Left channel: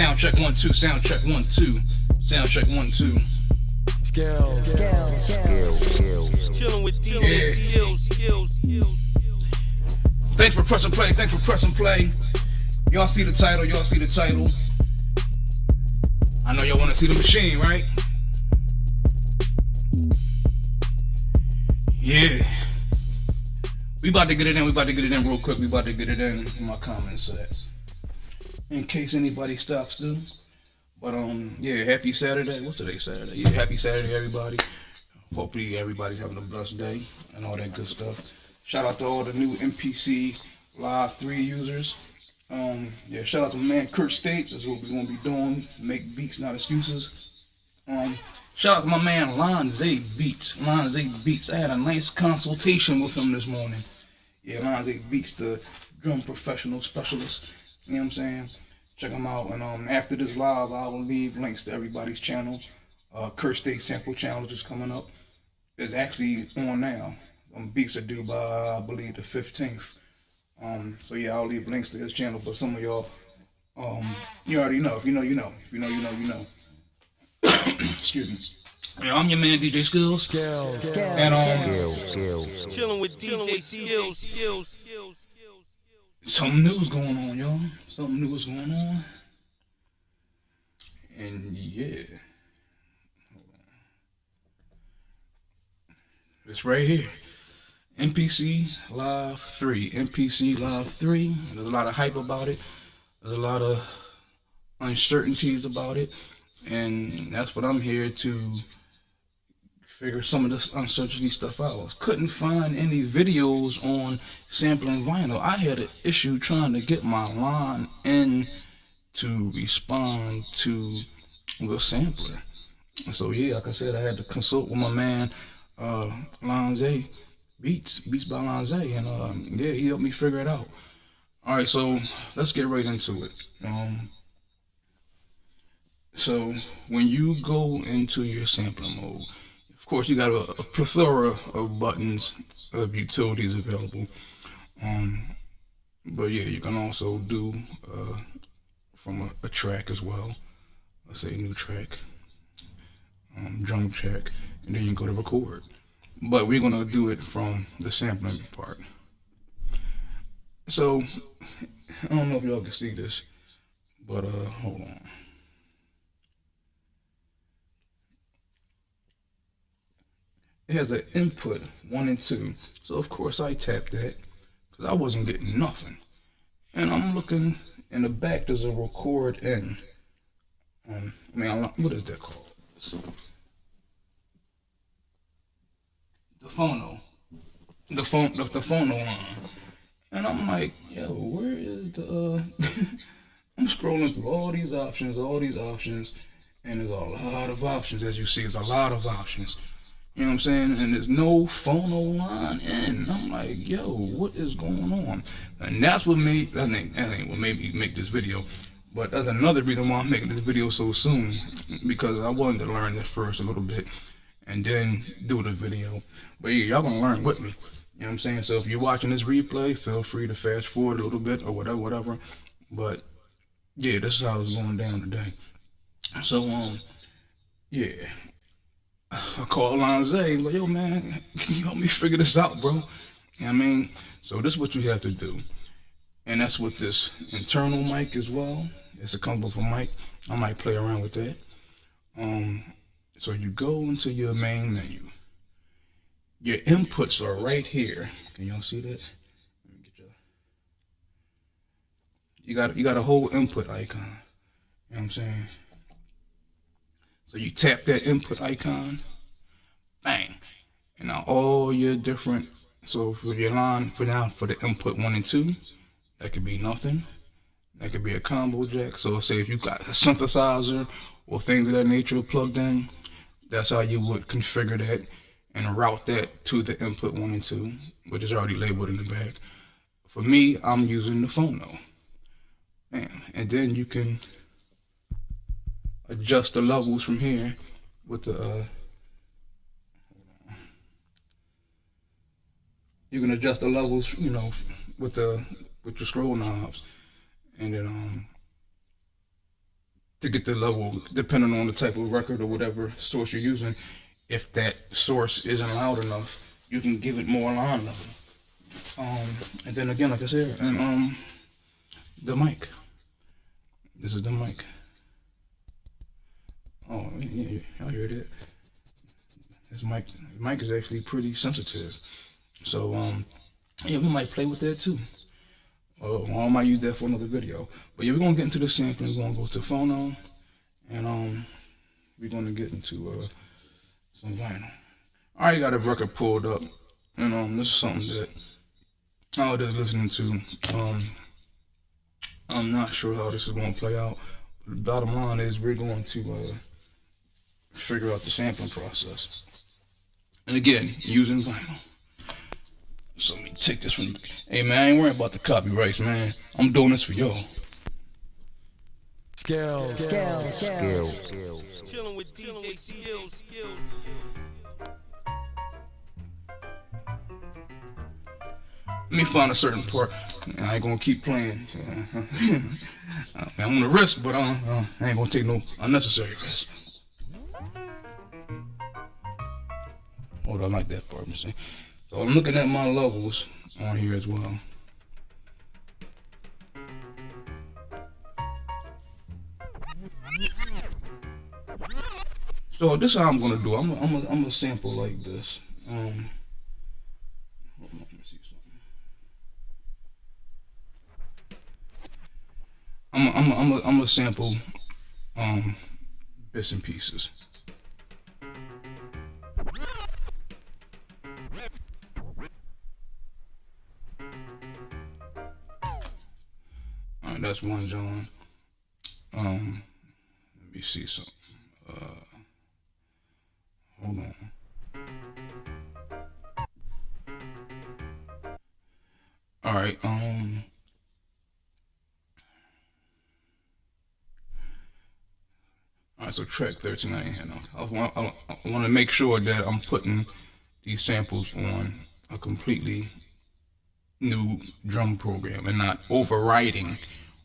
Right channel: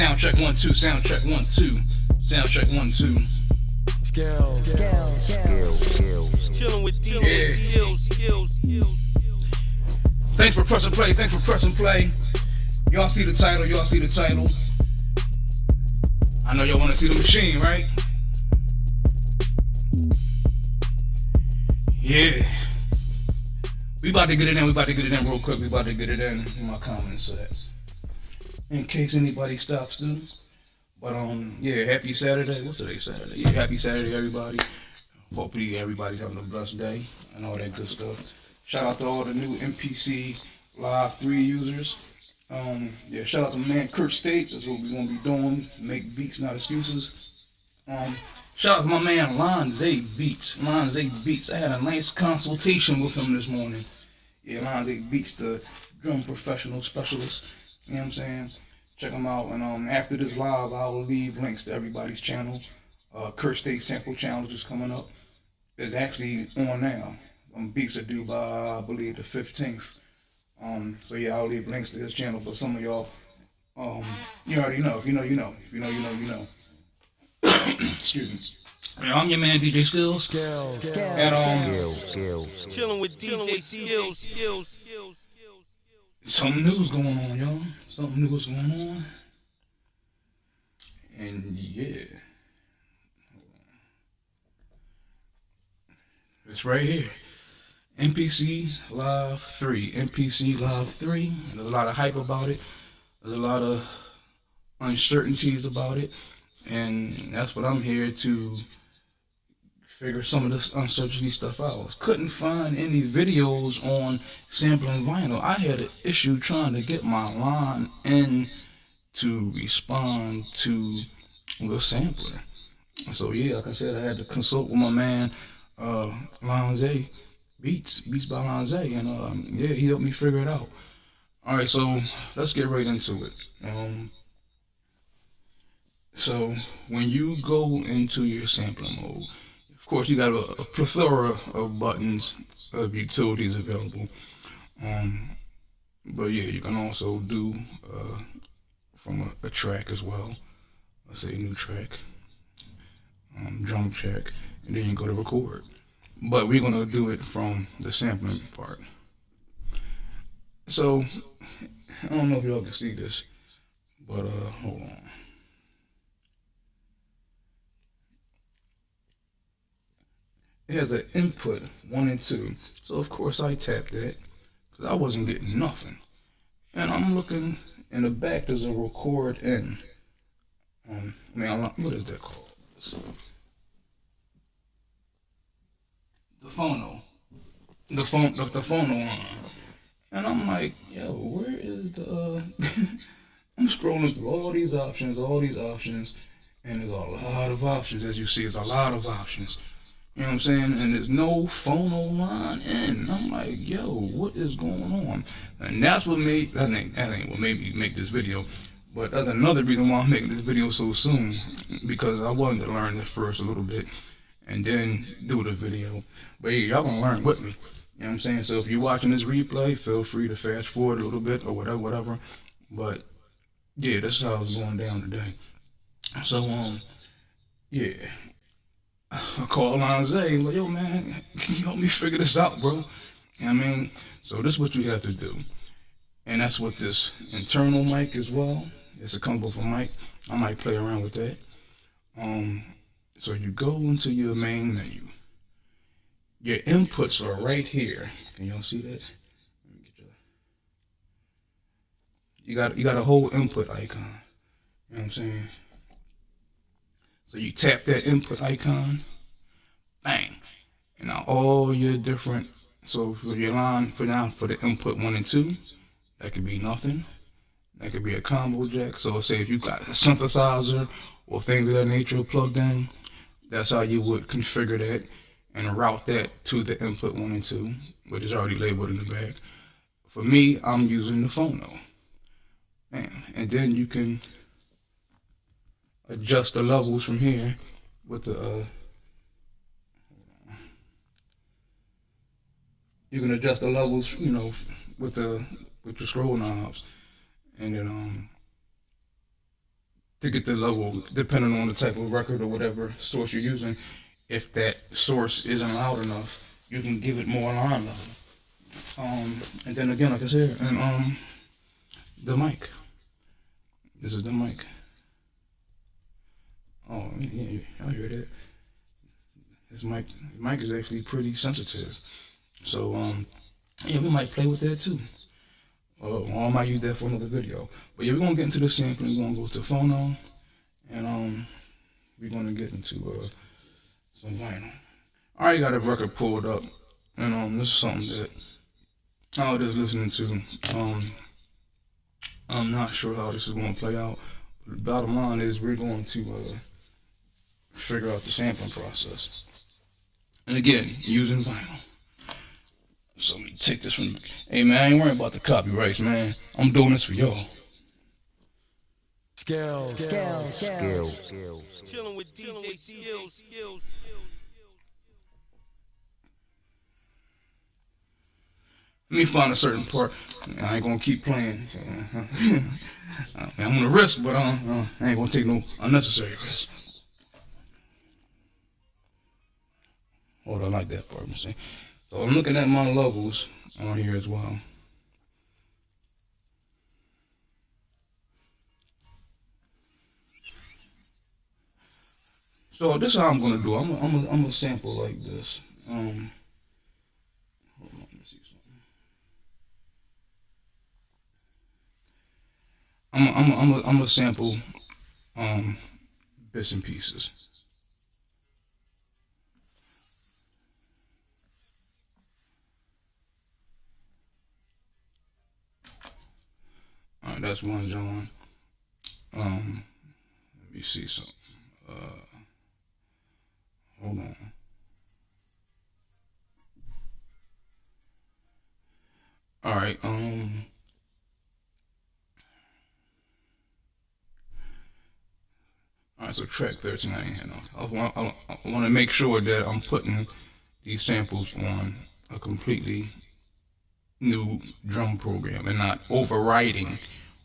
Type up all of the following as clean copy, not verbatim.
Sound check 1 2. Sound check 1 2. Sound check 1 2. Skills. Chilling with DJ Skills. Thanks for pressing play. Thanks for pressing play. Y'all see the title. Y'all see the title. I know y'all want to see the machine, right? Yeah. We about to get it in. We about to get it in real quick. We about to get it in my comment set. In case anybody stops through. But yeah, happy Saturday. What's today, Saturday? Yeah, happy Saturday, everybody. Hopefully everybody's having a blessed day and all that good stuff. Shout out to all the new MPC Live 3 users. Yeah, shout out to my man Kirk State. That's what we're gonna be doing. Make beats, not excuses. Shout out to my man LONZA Beats. LONZA Beats. I had a nice consultation with him this morning. Yeah, LONZA Beats, the drum professional specialist. You know what I'm saying? Check them out. And after this live, I will leave links to everybody's channel. Kirk State Sample Challenge is coming up. It's actually on now. Beats are due by, I believe, the 15th. So yeah, I'll leave links to his channel. But some of y'all, you already know. If you know, you know. If you know, you know, you know. Excuse me. Yeah, I'm your man, DJ Skills. Skills. And Chilling with DJ Skills. Something new's going on, y'all. Something new is going on. And yeah. It's right here. MPC Live 3. MPC Live 3. There's a lot of hype about it. There's a lot of uncertainties about it. And that's what I'm here to figure some of this uncertainty stuff out. Couldn't find any videos on sampling vinyl. I had an issue trying to get my line in to respond to the sampler. So yeah, like I said, I had to consult with my man LONZA Beats by LONZA, and yeah, he helped me figure it out. All right, so let's get right into it. So when you go into your sampling mode, of course you got a plethora of buttons, of utilities available. But yeah, you can also do from a track as well. Let's say a new track, drum track, and then you go to record. But we're gonna do it from the sampling part. So I don't know if y'all can see this, but hold on. It has an input 1 and 2, so of course I tapped that because I wasn't getting nothing. And I'm looking in the back. There's a record in. What is that called? The phono. The phono line. And I'm like, yo, where is the? I'm scrolling through all these options, and there's a lot of options. As you see, there's a lot of options. You know what I'm saying? And there's no phono line in. I'm like, yo, what is going on? And that's what made, that ain't what made me make this video. But that's another reason why I'm making this video so soon. Because I wanted to learn this first a little bit and then do the video. But yeah, y'all gonna learn with me. You know what I'm saying? So if you're watching this replay, feel free to fast forward a little bit or whatever. But yeah, this is how it's going down today. So, yeah. I called LONZA, like, yo man, can you help me figure this out, bro? You know what I mean? So this is what you have to do. And that's with this internal mic as well. It's a combo mic. I might play around with that. So you go into your main menu. Your inputs are right here. Can y'all see that? Let me get you got a whole input icon. You know what I'm saying? So you tap that input icon, bang, and now all your different, so for your line, for the input 1 and 2, that could be nothing. That could be a combo jack. So say if you got a synthesizer or things of that nature plugged in, that's how you would configure that and route that to the input 1 and 2, which is already labeled in the back. For me, I'm using the phono. And then you can adjust the levels from here with the you can adjust the levels, you know, with your scroll knobs, and then to get the level, depending on the type of record or whatever source you're using. If that source isn't loud enough, you can give it more line level. And then again, like I said, and the mic. This is the mic. Oh yeah, y'all hear that? This mic is actually pretty sensitive. So yeah, we might play with that too. I might use that for another video. But yeah, we're gonna get into the sampling. We're gonna go to phono, and we're gonna get into some vinyl. I already got a record pulled up, and this is something that I was just listening to. I'm not sure how this is gonna play out. But the bottom line is we're going to figure out the sampling process. And again, using vinyl. So let me take this one. Hey man, I ain't worrying about the copyrights, man. I'm doing this for y'all. Skills. Chilling with DJ Skills. Let me find a certain part. I ain't gonna keep playing. I'm gonna risk, but I ain't gonna take no unnecessary risk. Hold on, I like that part. See? So I'm looking at my levels on here as well. So this is how I'm gonna do. I'm gonna sample like this. Hold on, let me see something. I'm gonna sample bits and pieces. Alright, that's one John. Let me see something. Hold on. Alright, alright, so track 13 I ain't had enough. I want to make sure that I'm putting these samples on a completely new drum program and not overwriting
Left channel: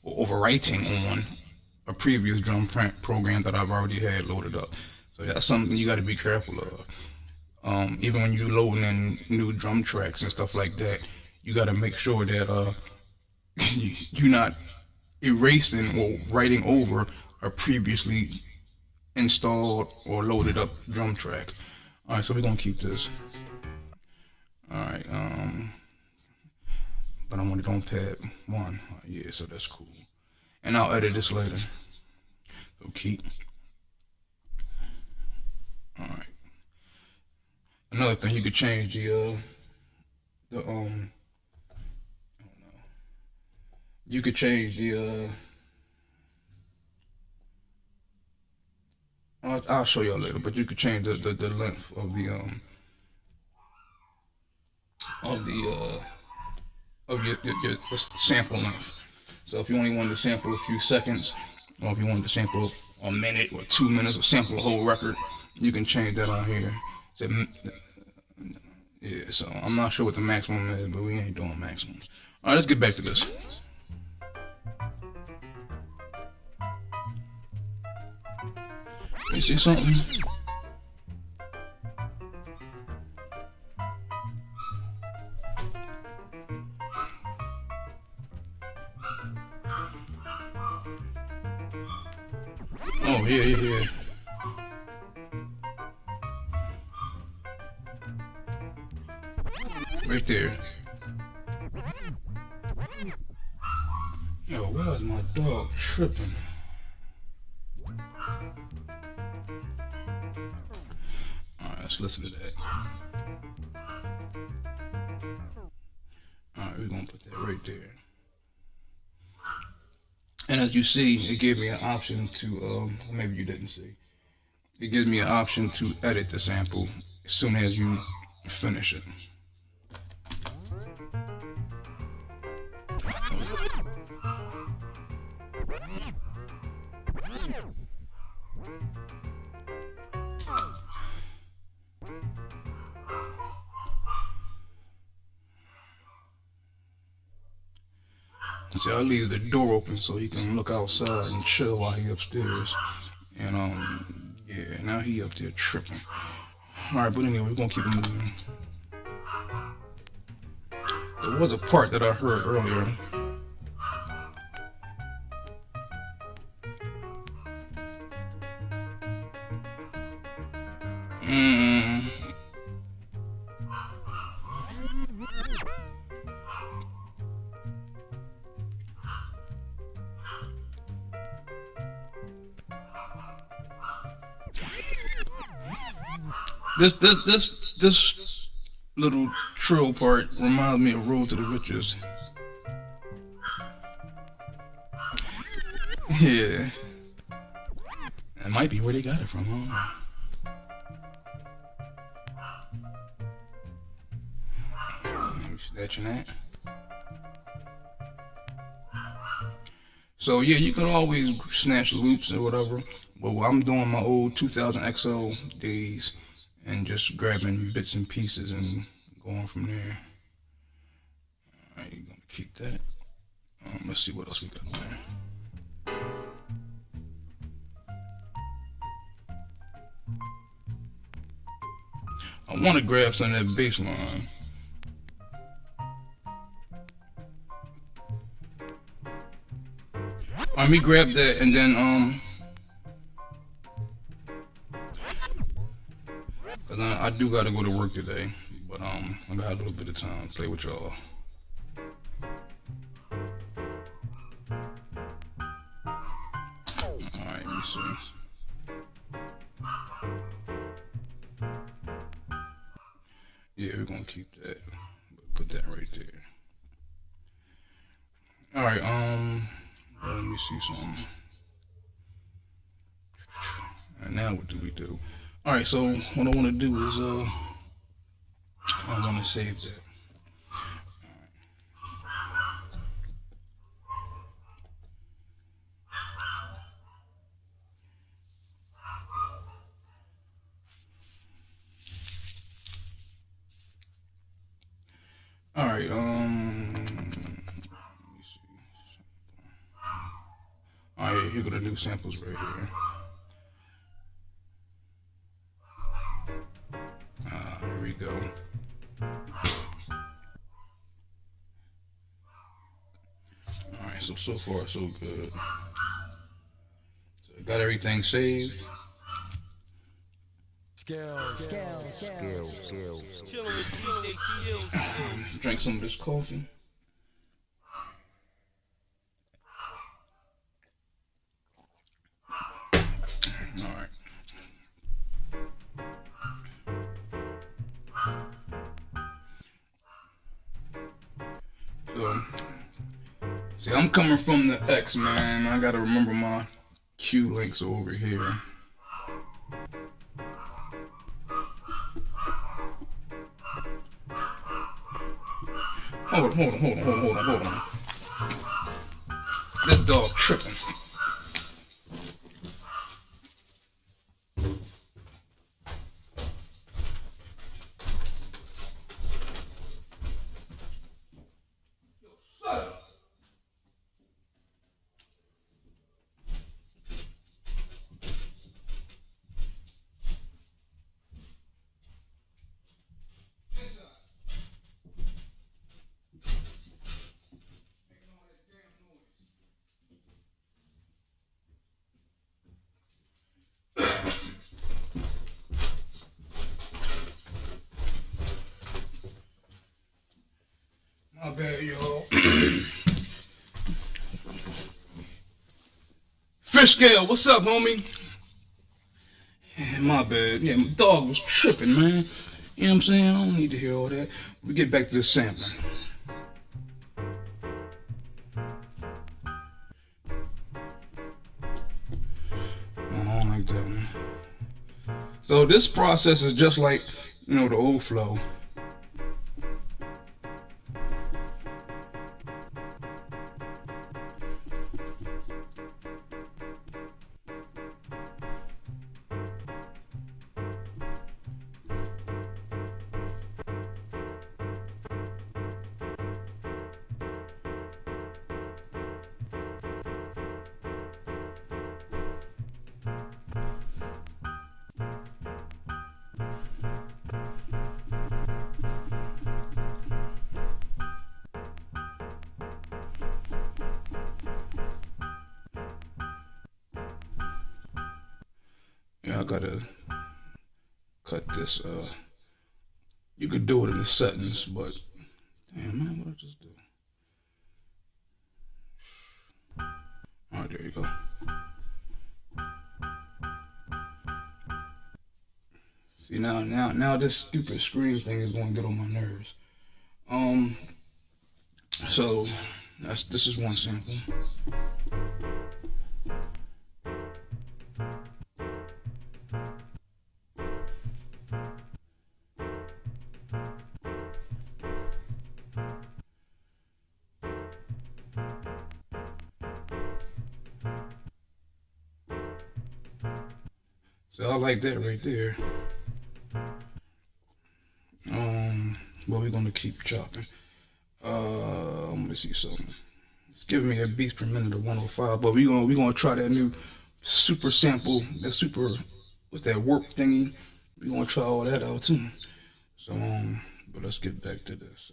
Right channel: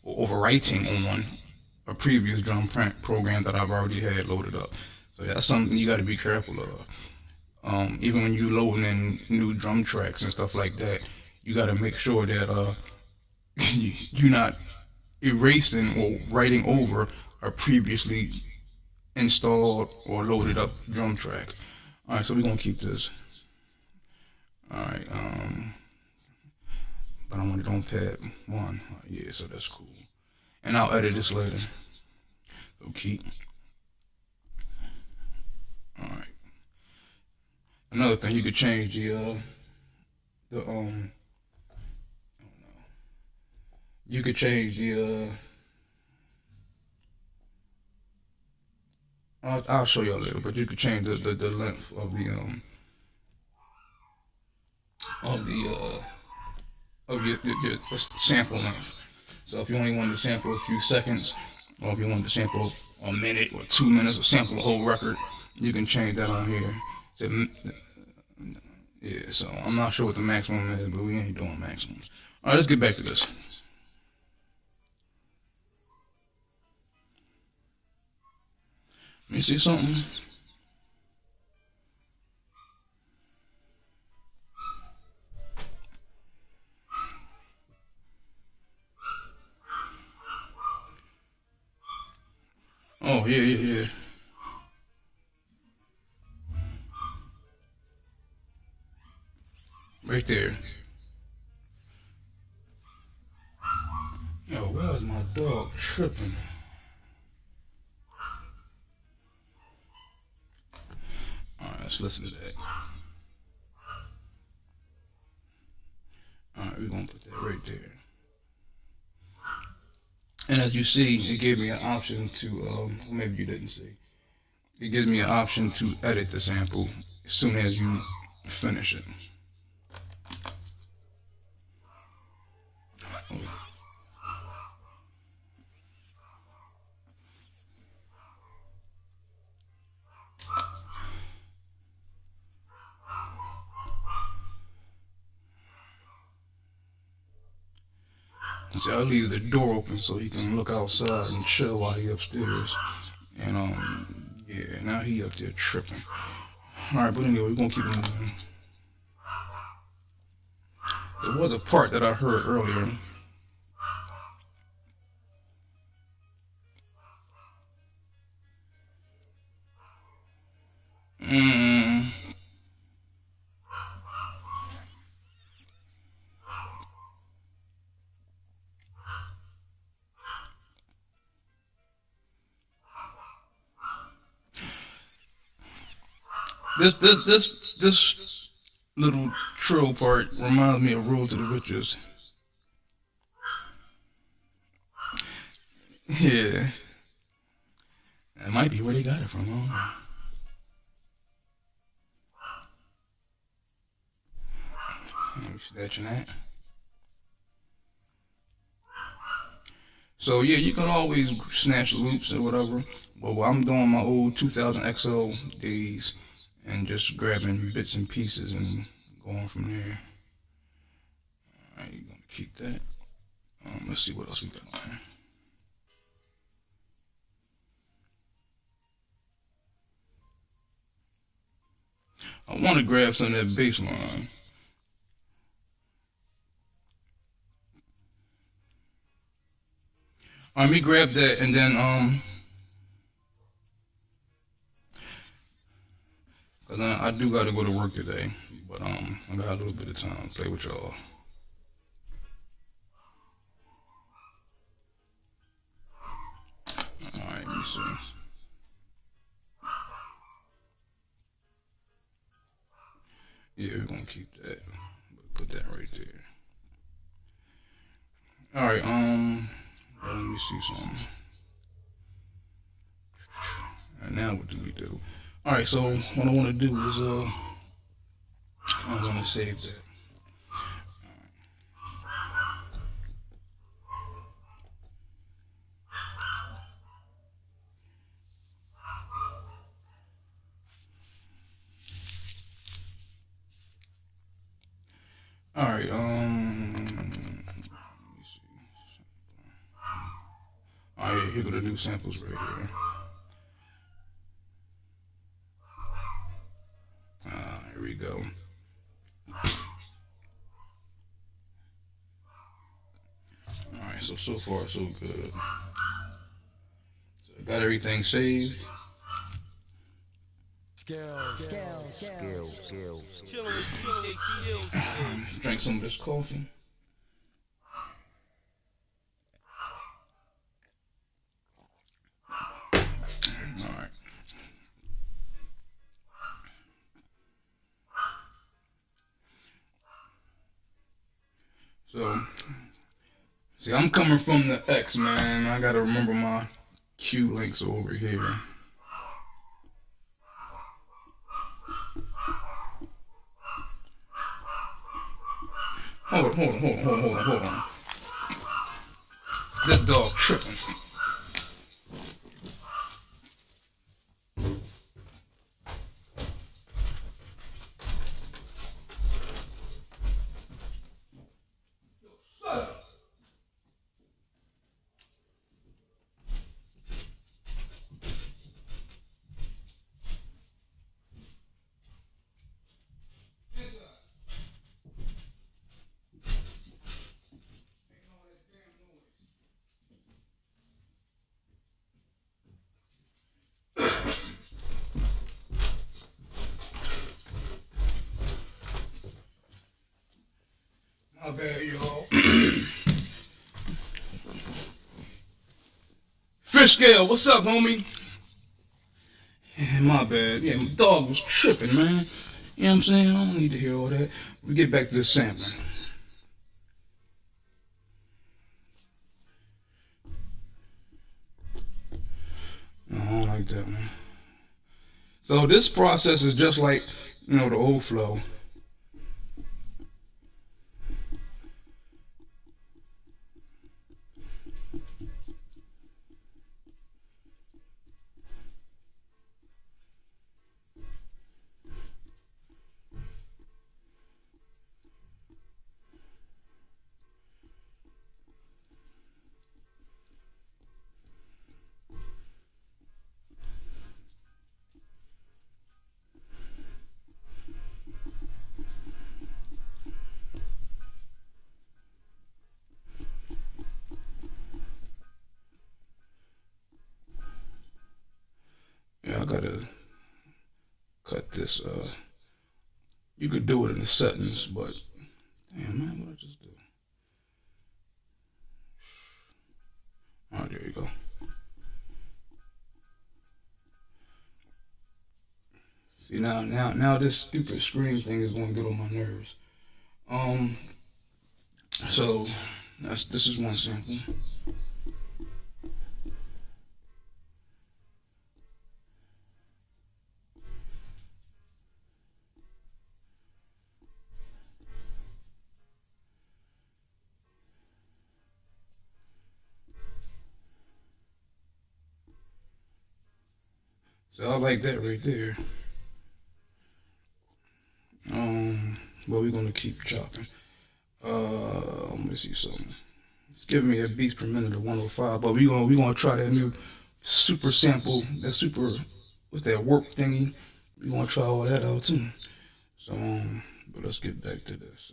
on a previous drum program that I've already had loaded up. So that's something you got to be careful of. Even when you loading in new drum tracks and stuff like that, you got to make sure that you're not erasing or writing over a previously installed or loaded up drum track. All right, so we're gonna keep this. All right, but I want it on pad 1. Yeah, so that's cool. And I'll edit this later. So keep. All right. Another thing, you could change the you could change the I'll show y'all later, but you could change the length of your sample length. So if you only wanted to sample a few seconds, or if you wanted to sample a minute or 2 minutes, or sample the whole record, you can change that on here. So, yeah, so I'm not sure what the maximum is, but we ain't doing maximums. All right, let's get back to this. You see something? Oh, yeah. Right there. Yo, why is my dog tripping? Alright, let's listen to that. Alright, we're gonna put that right there. And as you see, it gave me an option to, maybe you didn't see. It gives me an option to edit the sample as soon as you finish it. See, I leave the door open so he can look outside and chill while he upstairs. And yeah, now he up there tripping. All right, but anyway, we're gonna keep it moving. There was a part that I heard earlier. This little trill part reminds me of Road to the Riches. Yeah. That might be where they got it from, huh? Snatching that. So yeah, you can always snatch loops or whatever. But I'm doing my old 2000 XL days and just grabbing bits and pieces and going from there. Alright, you're gonna keep that. Let's see what else we got there. I want to grab some of that bass line. Let me grab that and then cause I do gotta go to work today, but I got a little bit of time to play with y'all. Alright, let me see. Yeah, we're gonna keep that. Put that right there. Alright, let me see something. Alright, now what do we do? Alright, so what I want to do is I'm gonna save that. Alright, let me see. Alright, you're gonna do samples right here. Here we go. Alright, so far so good. So I got everything saved. Skills. Chilling with DJ Skills. Drink some of this coffee. Alright. So, see, I'm coming from the X, man. I gotta remember my Q links over here. Hold on. This dog tripping. My bad, y'all. Fish scale, what's up, homie? Yeah, my bad. Yeah, my dog was tripping, man. You know what I'm saying? I don't need to hear all that. We get back to the sampling. I don't like that one. So this process is just like, you know, the old flow. Yeah, I gotta cut this. You could do it in the settings, but damn man, what I just do? Alright, there you go. See now this stupid screen thing is gonna get on my nerves. So this is one sample. So I like that right there. But we're gonna keep chopping. Let me see something. It's giving me a beats per minute of 105, but we're gonna try that new super sample, that super, what's that warp thingy? We're gonna try all that out too. So but let's get back to this.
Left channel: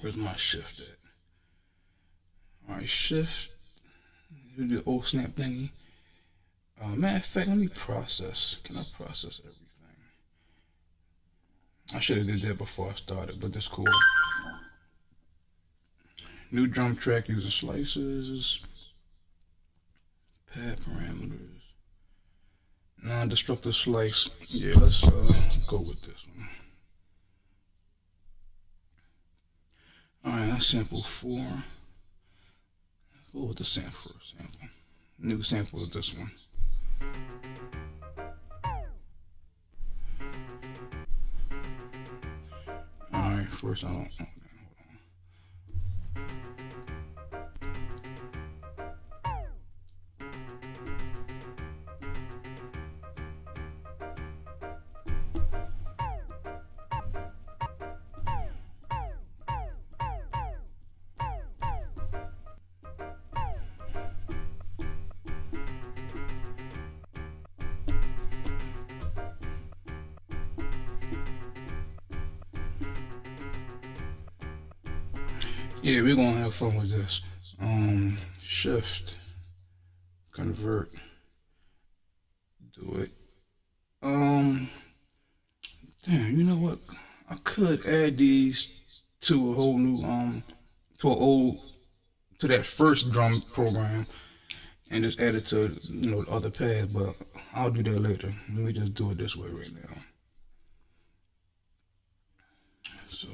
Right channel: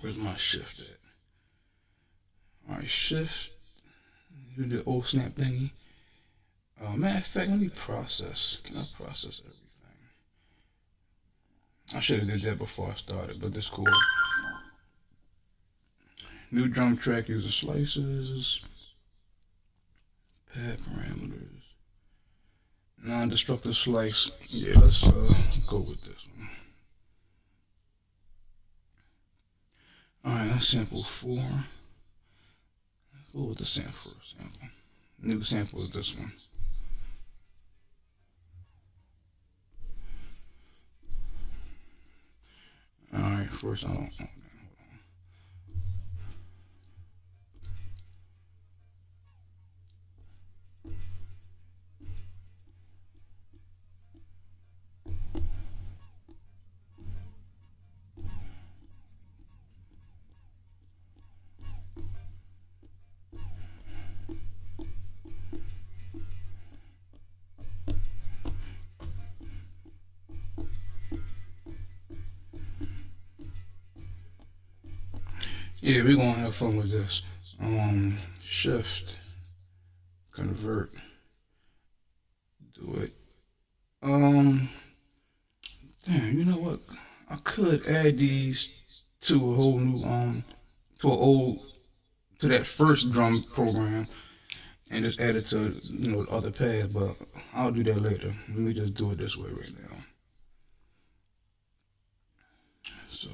Where's my shift at? Alright, shift. Do the old snap thingy. Matter of fact, let me process. Can I process everything? I should have did that before I started, but that's cool. New drum track using slices. Pad parameters. Non-destructive slice. Yeah, let's go with this one. Alright, that's sample 4. Let's go with the sample. New sample is this one. Alright, first I don't. Yeah, we're gonna have fun with this. Shift, convert, do it. Damn, you know what? I could add these to a whole new to that first drum program and just add it to the other pad, but I'll do that later. Let me just do it this way right now. So.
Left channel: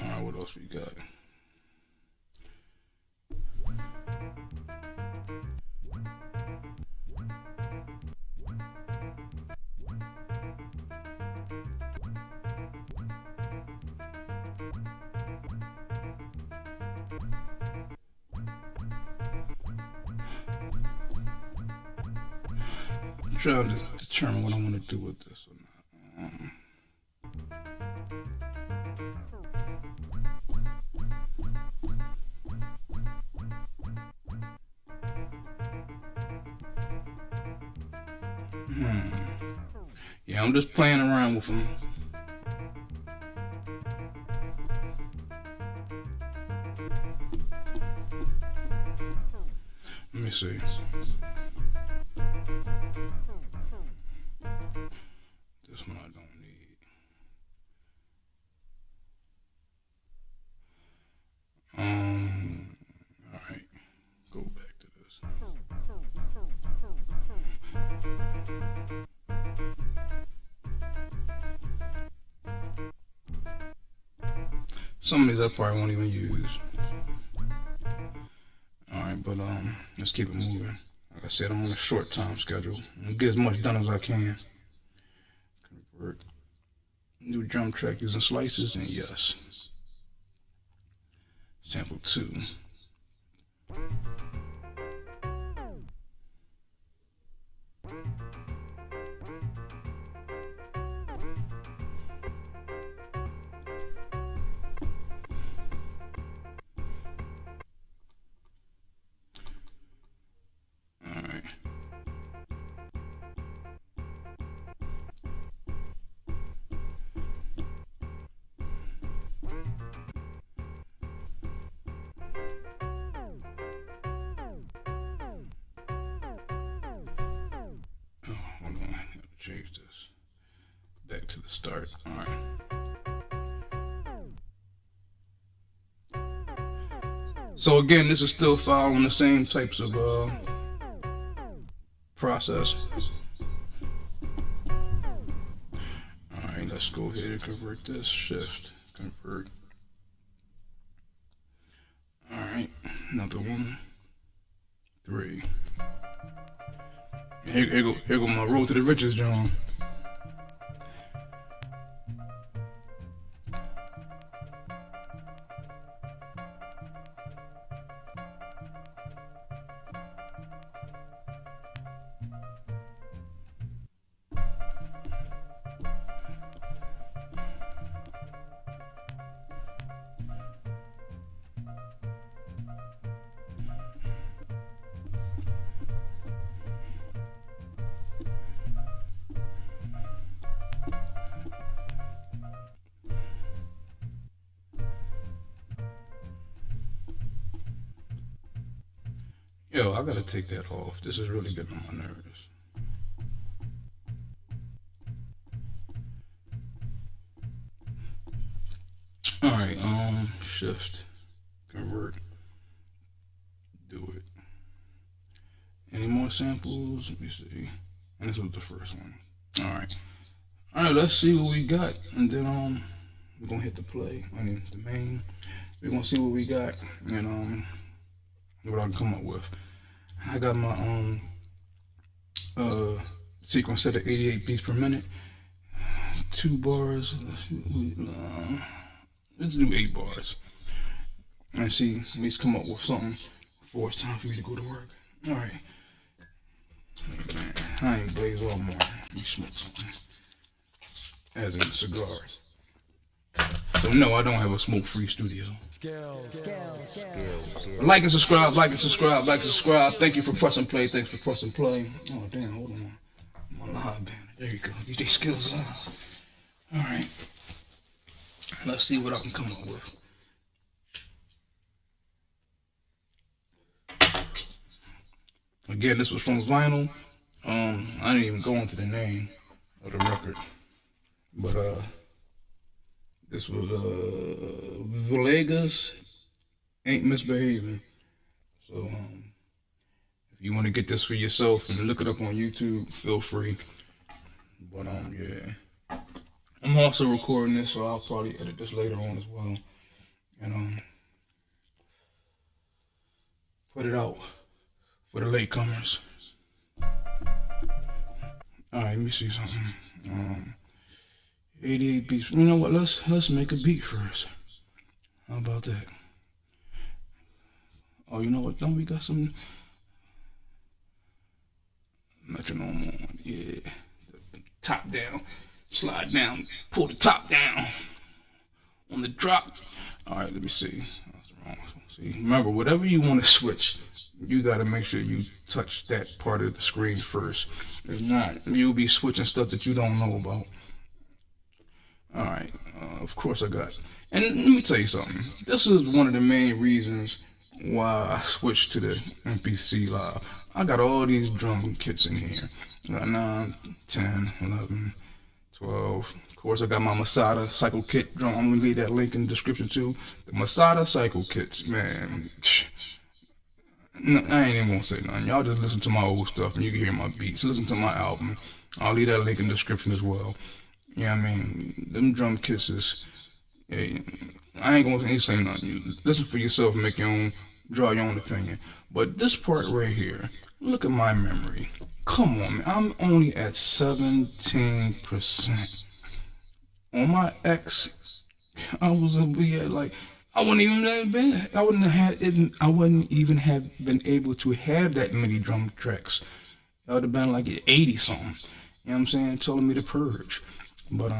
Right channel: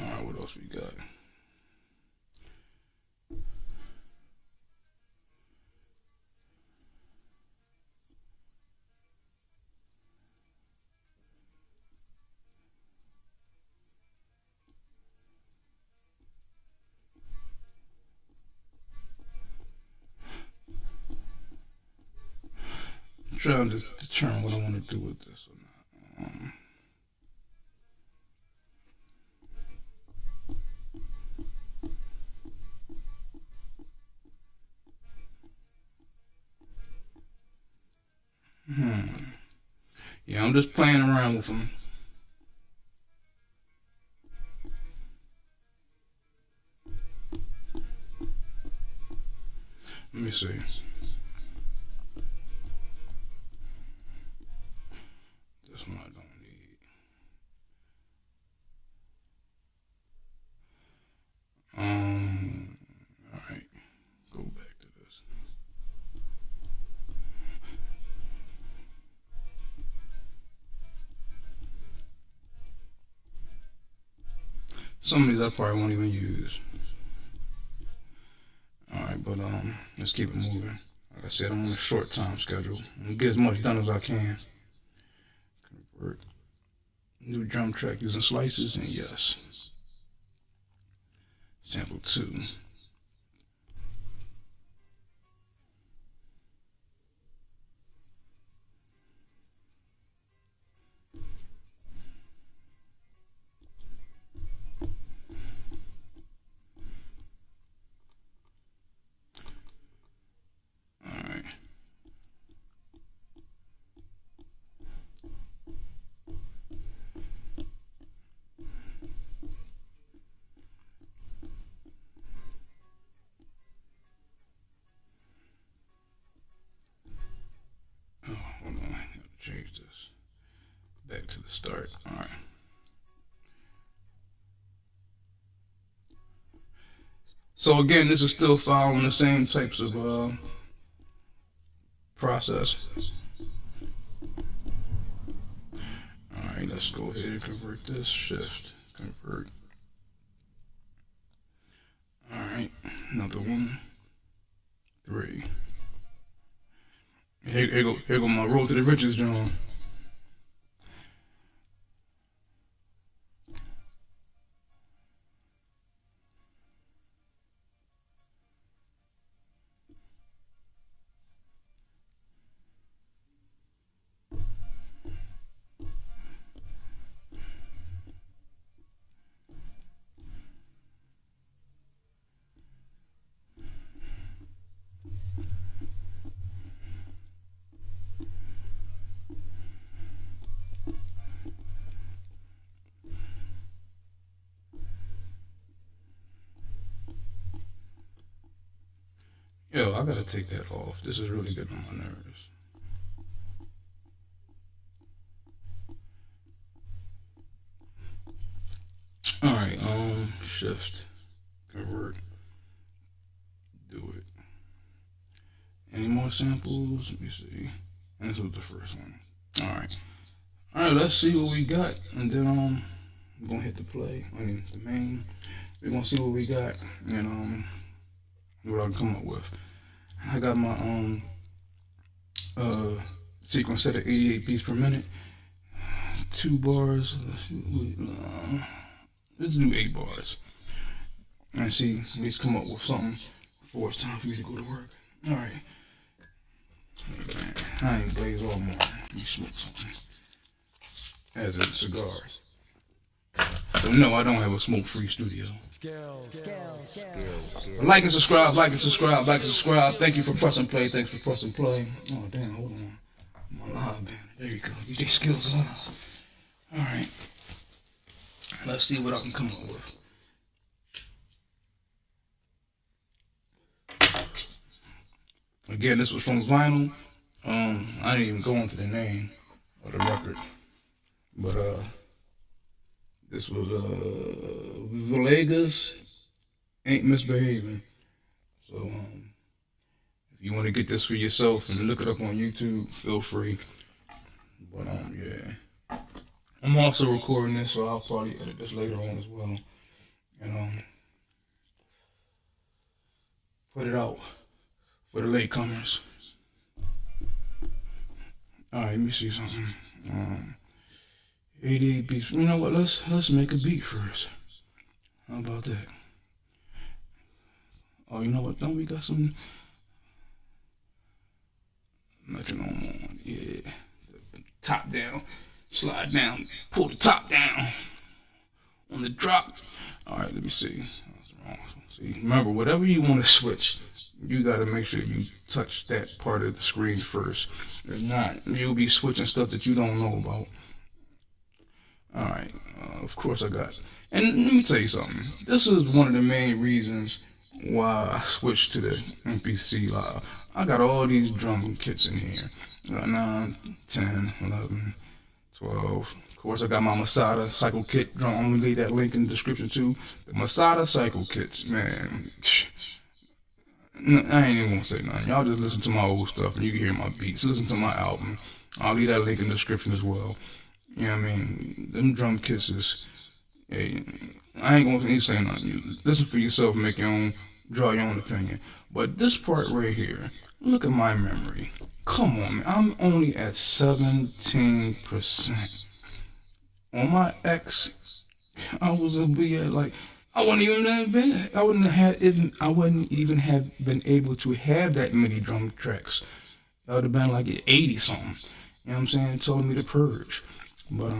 Alright, what else we got? I'm trying to determine what I want to do with this or not. Yeah, I'm just playing around with them. Let me see. This one I don't need. All right, go back to this. Some of these I probably won't even use. Alright, but let's keep it moving. Like I said, I'm on a short time schedule. I'm get as much done as I can. Convert. New drum track using slices, and yes. Sample 2. back to the start. All right. So again, this is still following the same types of process. All right, let's go ahead and convert this. Shift, convert. All right, another 1, 3. Here go my road to the riches, John. Yo, I gotta take that off. This is really getting on my nerves. Alright, shift, convert, do it. Any more samples? Let me see. And this was the first one. Alright. Alright, let's see what we got. And then we're gonna hit the play. I mean the main. We're gonna see what we got and what I can come up with. I got my sequence set at 88 beats per minute. 2 bars. Let's do 8 bars. And see, at least come up with something before it's time for me to go to work. Alright. I ain't blaze all morning. Let me smoke something. As in cigars. So no, I don't have a smoke-free studio. Like and subscribe, like and subscribe, like and subscribe. Thank you for pressing play. Thanks for pressing play. Oh damn, hold on. My live band. There you go. DJ Skills Live. Alright. Let's see what I can come up with. Again, this was from vinyl. I didn't even go into the name of the record. But this was Villegas Ain't Misbehaving. So if you want to get this for yourself and look it up on YouTube, feel free. But yeah. I'm also recording this, so I'll probably edit this later on as well. And put it out for the latecomers. Alright, let me see something. 88 beats. You know what? Let's make a beat first. How about that? Oh, you know what? Don't we got some metronome on? Yeah. Top down. Slide down. Pull the top down. On the drop. Alright, let me see. That's wrong. See, remember, whatever you want to switch, you got to make sure you touch that part of the screen first. If not, you'll be switching stuff that you don't know about. Alright, of course I got. And let me tell you something. This is one of the main reasons why I switched to the MPC Live. I got all these drum kits in here. I got 9, 10, 11, 12. Of course I got my MASADA Cycle Kit drum. I'm going to leave that link in the description too. The MASADA Cycle Kits, man. I ain't even gonna say nothing. Y'all just listen to my old stuff and you can hear my beats. Listen to my album. I'll leave that link in the description as well. You know what I mean? Them drum kisses. Hey, I ain't gonna say nothing. You listen for yourself and make your own, draw your own opinion. But this part right here, look at my memory. Come on, man. I'm only at 17%. On my X, I was like, I wouldn't even have been able to have that many drum tracks. That would have been like 80 something. You know what I'm saying? Telling me to purge. But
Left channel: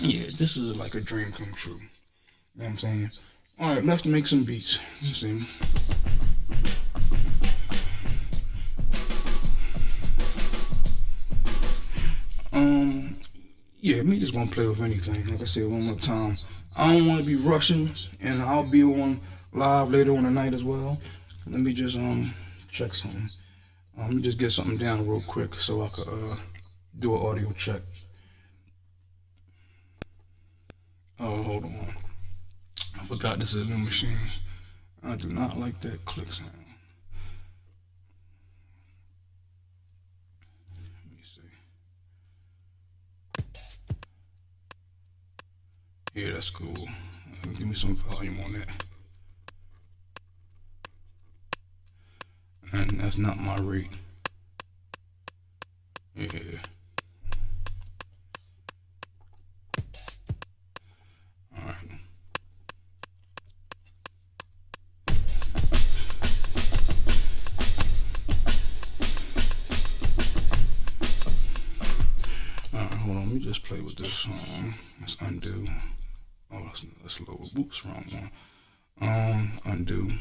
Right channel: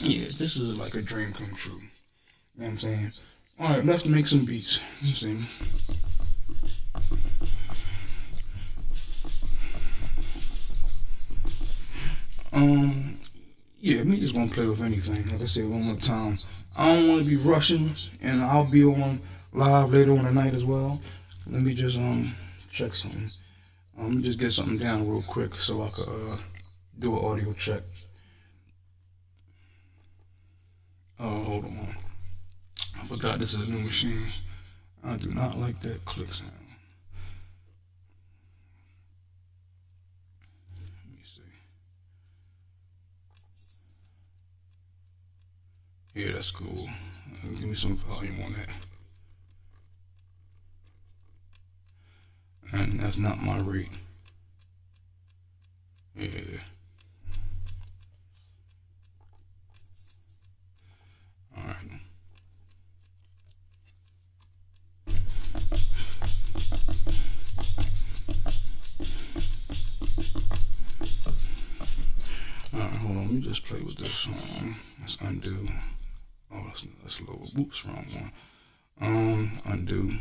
yeah, this is like a dream come true. You know what I'm saying? Alright, let's make some beats. Let's see. Yeah, me just gonna play with anything. Like I said one more time, I don't want to be rushing, and I'll be on live later on tonight as well. Let me just check something. Let me just get something down real quick so I could do an audio check. Oh, hold on. I forgot this is a new machine. I do not like that click sound. Let me see. Yeah, that's cool. Give me some volume on that. And that's not my rate. Yeah. Alright. Alright, hold on. Let me just play with this. Let's undo. Oh, that's lower. Oops, wrong one. Undo.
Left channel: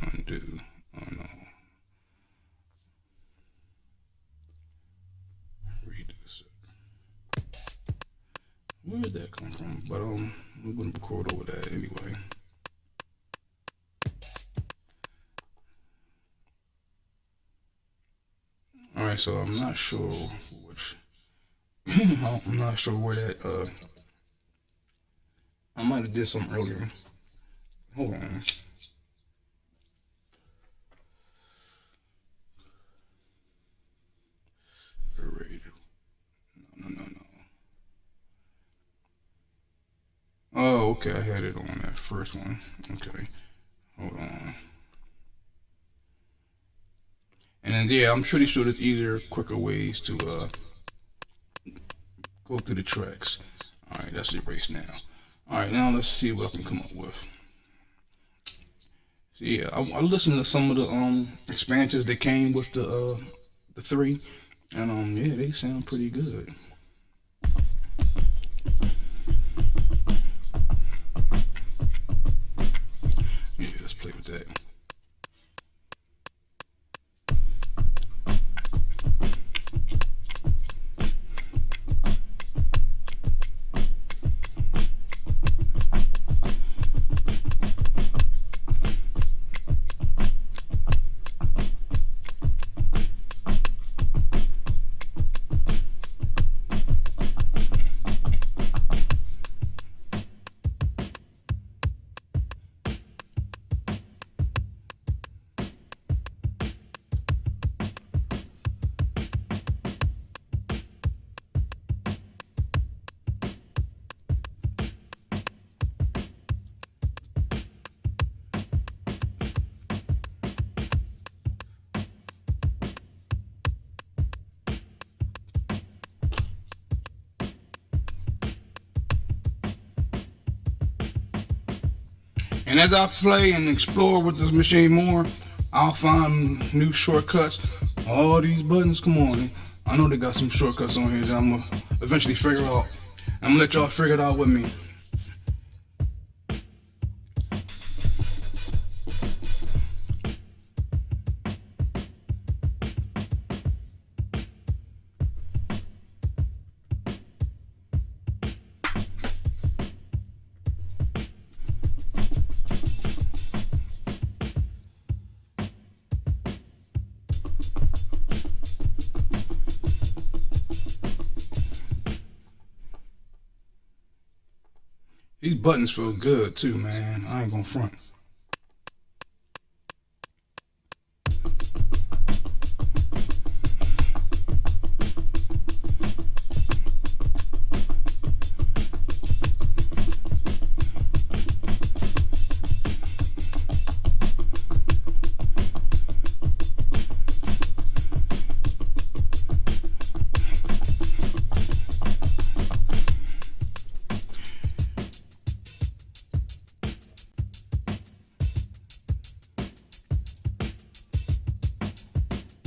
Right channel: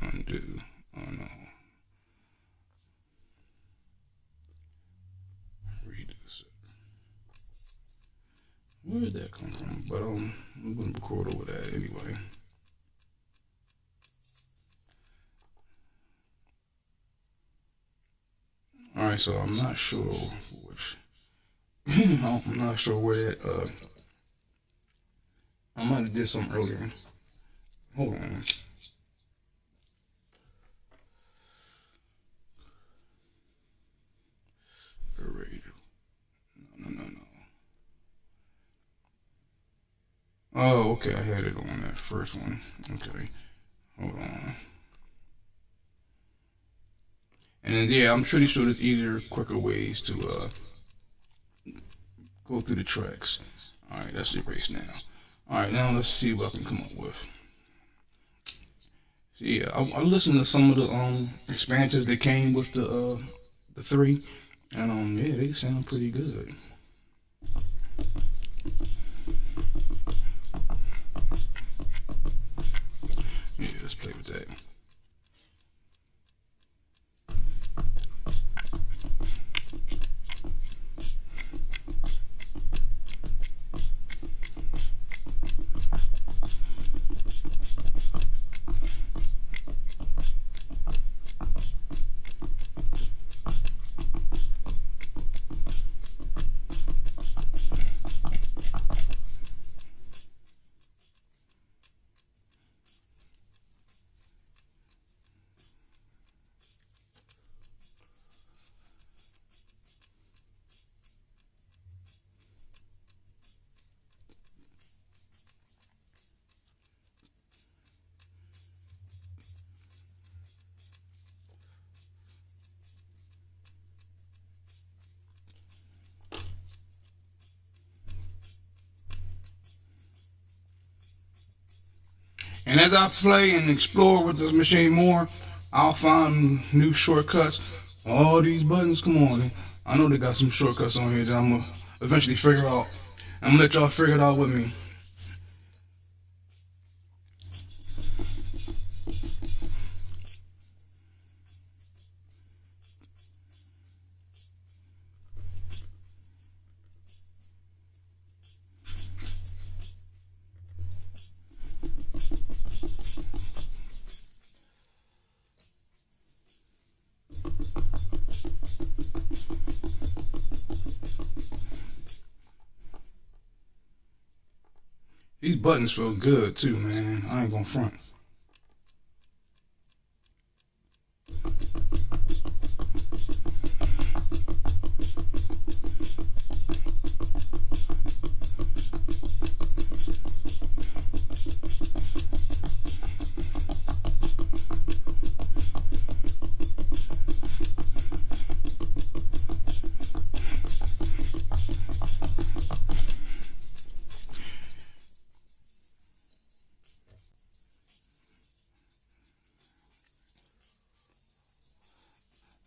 Undo. Oh no. Redo this. Where did that come from? But I'm gonna record over that anyway. Alright, so I'm not sure which I'm not sure where that I might have did something earlier. Hold on. No. Oh, okay, I had it on that first one. Okay, hold on. And then, yeah, I'm pretty sure there's easier, quicker ways to go through the tracks. Alright, that's erased now. Alright, now let's see what I can come up with. So, yeah, I listened to some of the expansions that came with the 3, and yeah, they sound pretty good. Yeah, let's play with that. And as I play and explore with this machine more, I'll find new shortcuts. All these buttons, come on. I know they got some shortcuts on here that I'm gonna eventually figure out. I'm gonna let y'all figure it out with me. These buttons feel good too, man. I ain't gonna front.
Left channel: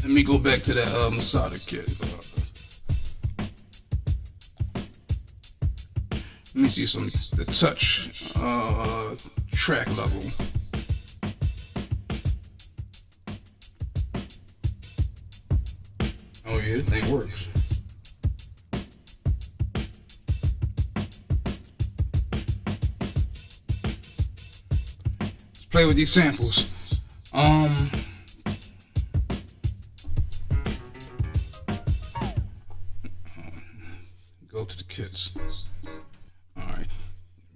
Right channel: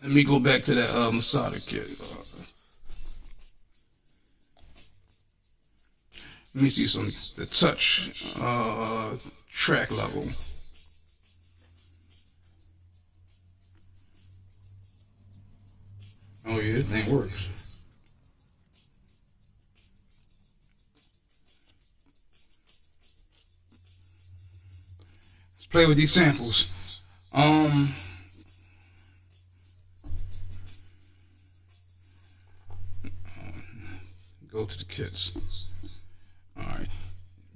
Let me go back to that MASADA kit. Let me see the touch track level. Oh yeah, this thing works. Let's play with these samples. Go to the kits. Alright.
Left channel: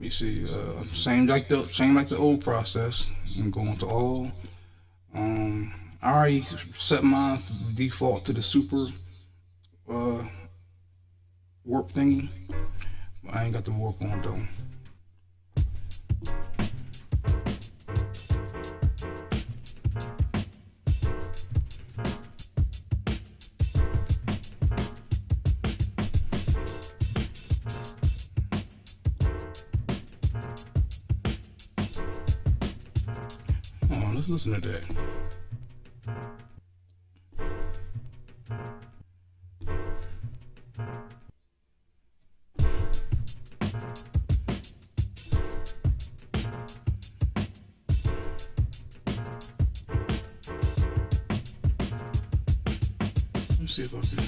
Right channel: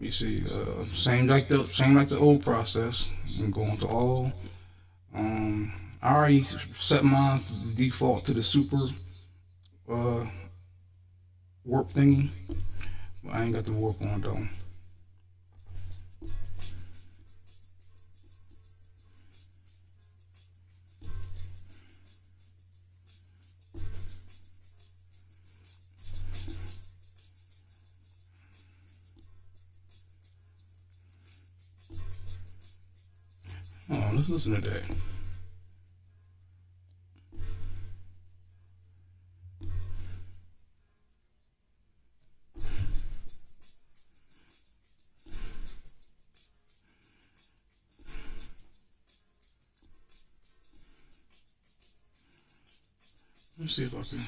You see, same like the old process. I'm going to all. I already set mine to default to the super warp thingy, but I ain't got the warp on though. Oh, let's listen to that. Let's see if I can.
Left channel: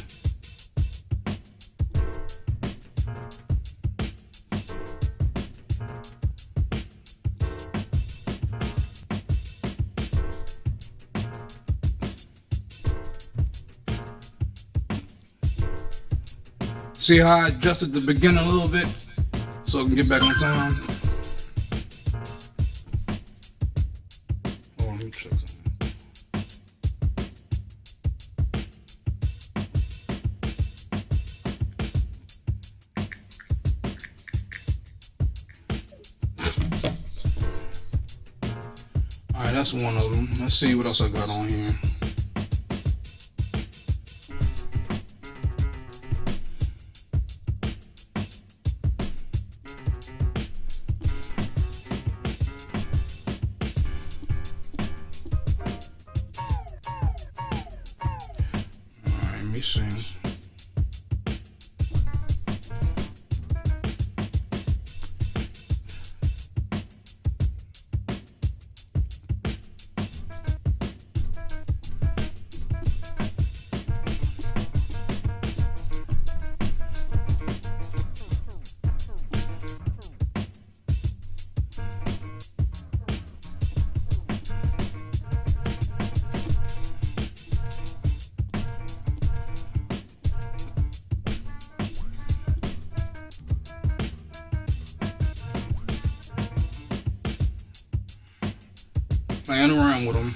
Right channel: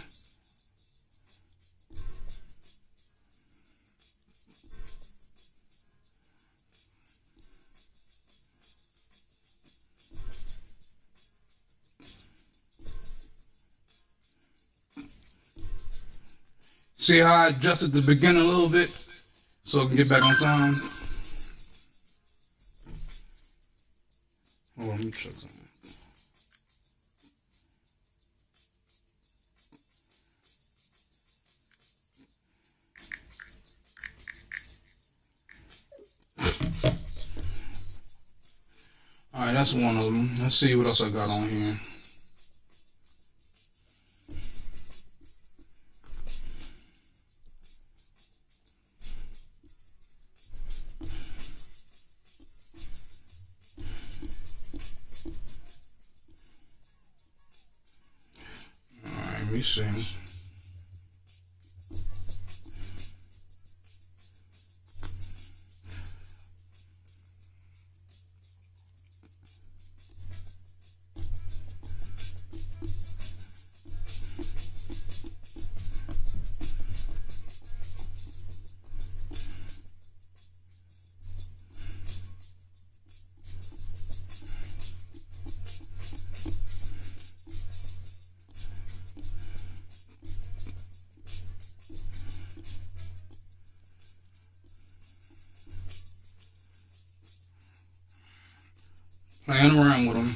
See how I adjusted the beginning a little bit so I can get back on time? Hold on, let me check something. Alright, that's one of them. Let's see what else I got on here. Alright, let me see. Playing around with them.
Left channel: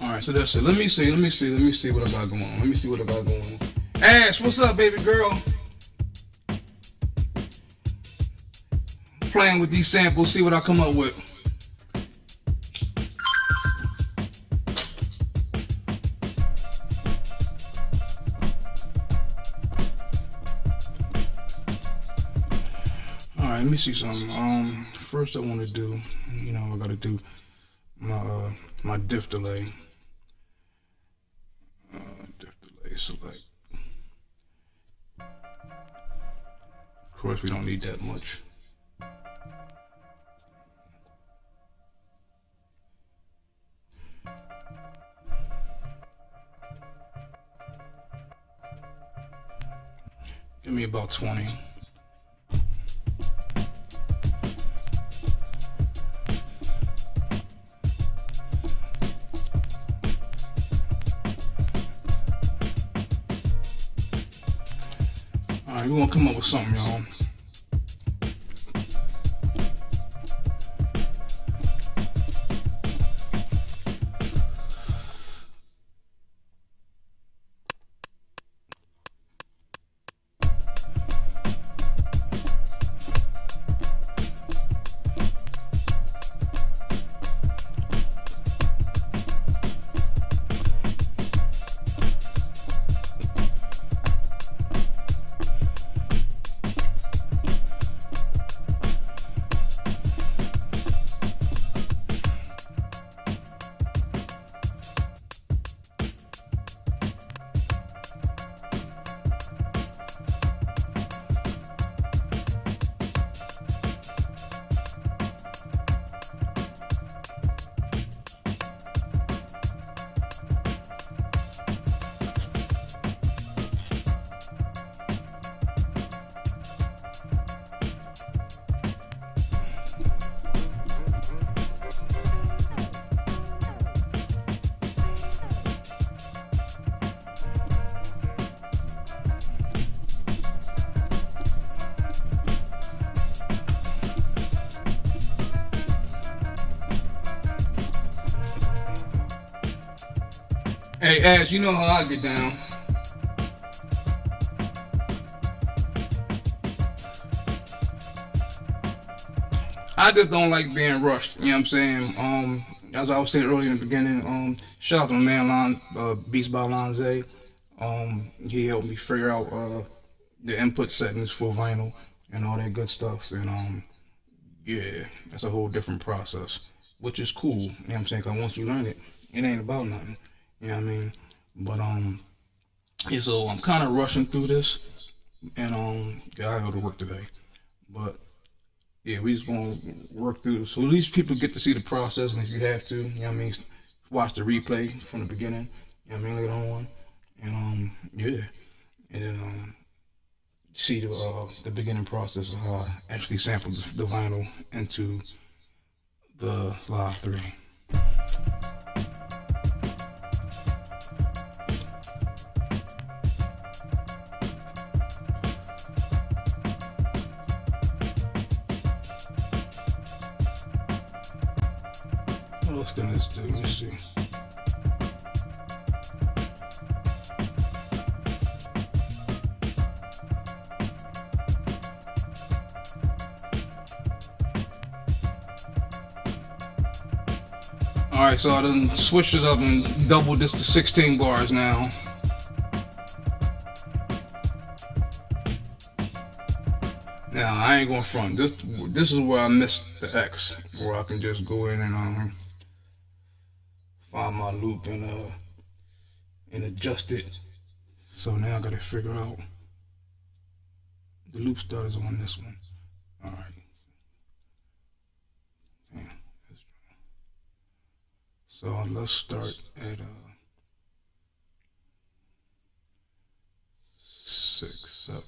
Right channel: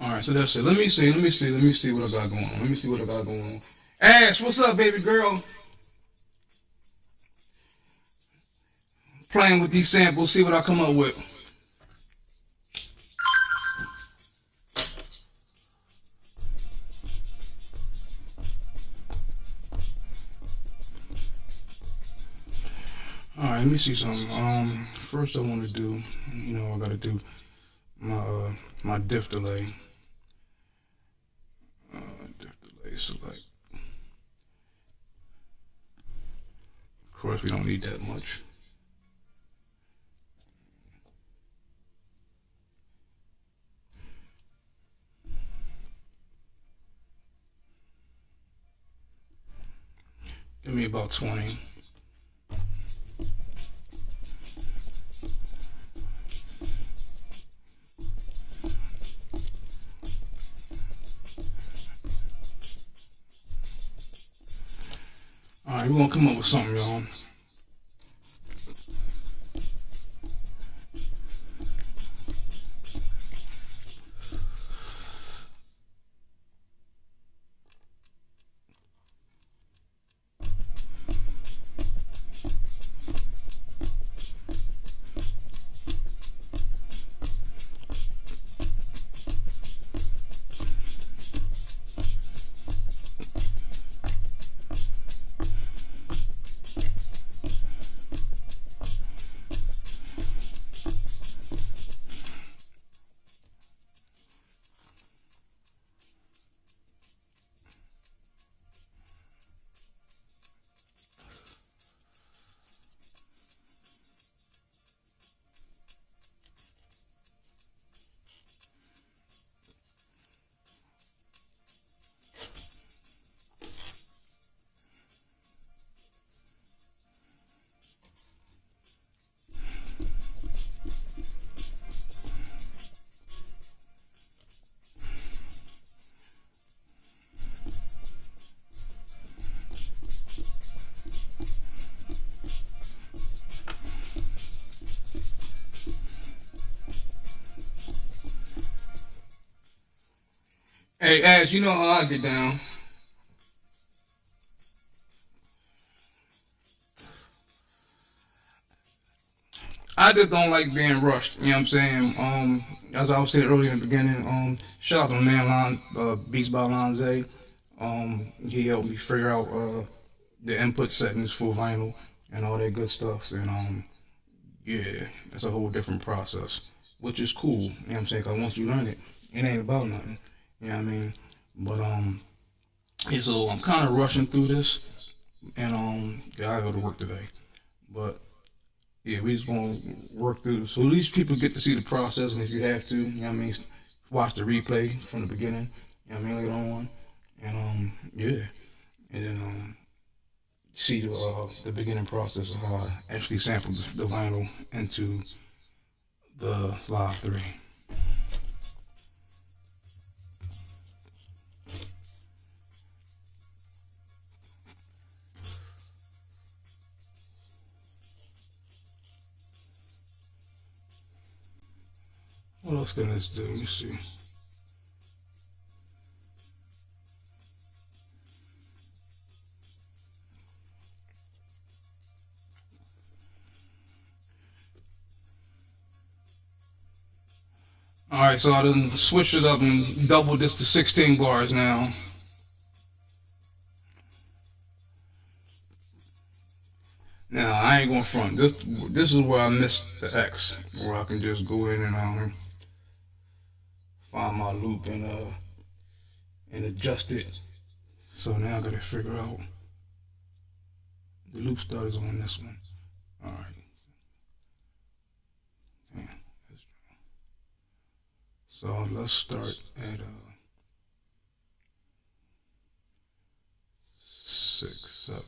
Alright, so that's it. Let me see what I got going on. Ash, what's up, baby girl? Playing with these samples, see what I come up with. Alright, let me see something. First I want to do, I gotta do my diff delay. Select. Of course, we don't need that much. Give me about 20. Alright, we're gonna come up with something, y'all. Hey, Ash, you know how I get down. I just don't like being rushed. You know what I'm saying? As I was saying earlier in the beginning, shout out to my man Beats by Lonza. He helped me figure out the input settings for vinyl and all that good stuff. And yeah, that's a whole different process, which is cool. You know what I'm saying? Cause once you learn it, it ain't about nothing. You know what I mean? But yeah. So I'm kind of rushing through this, and yeah, I go to work today, but yeah, we just gonna work through. So at least people get to see the process, and if you have to, you know what I mean, watch the replay from the beginning. You know what I mean, later on, and yeah, and then see the beginning process of how I actually sampled the vinyl into the Live 3. What else can this do? Let me see. Alright, so I done switched it up and doubled this to 16 bars now. Now I ain't gonna front. This is where I missed the X, where I can just go in and find my loop and adjust it. So now I gotta figure out the loop starters on this one. Alright. So let's start at 6, 7.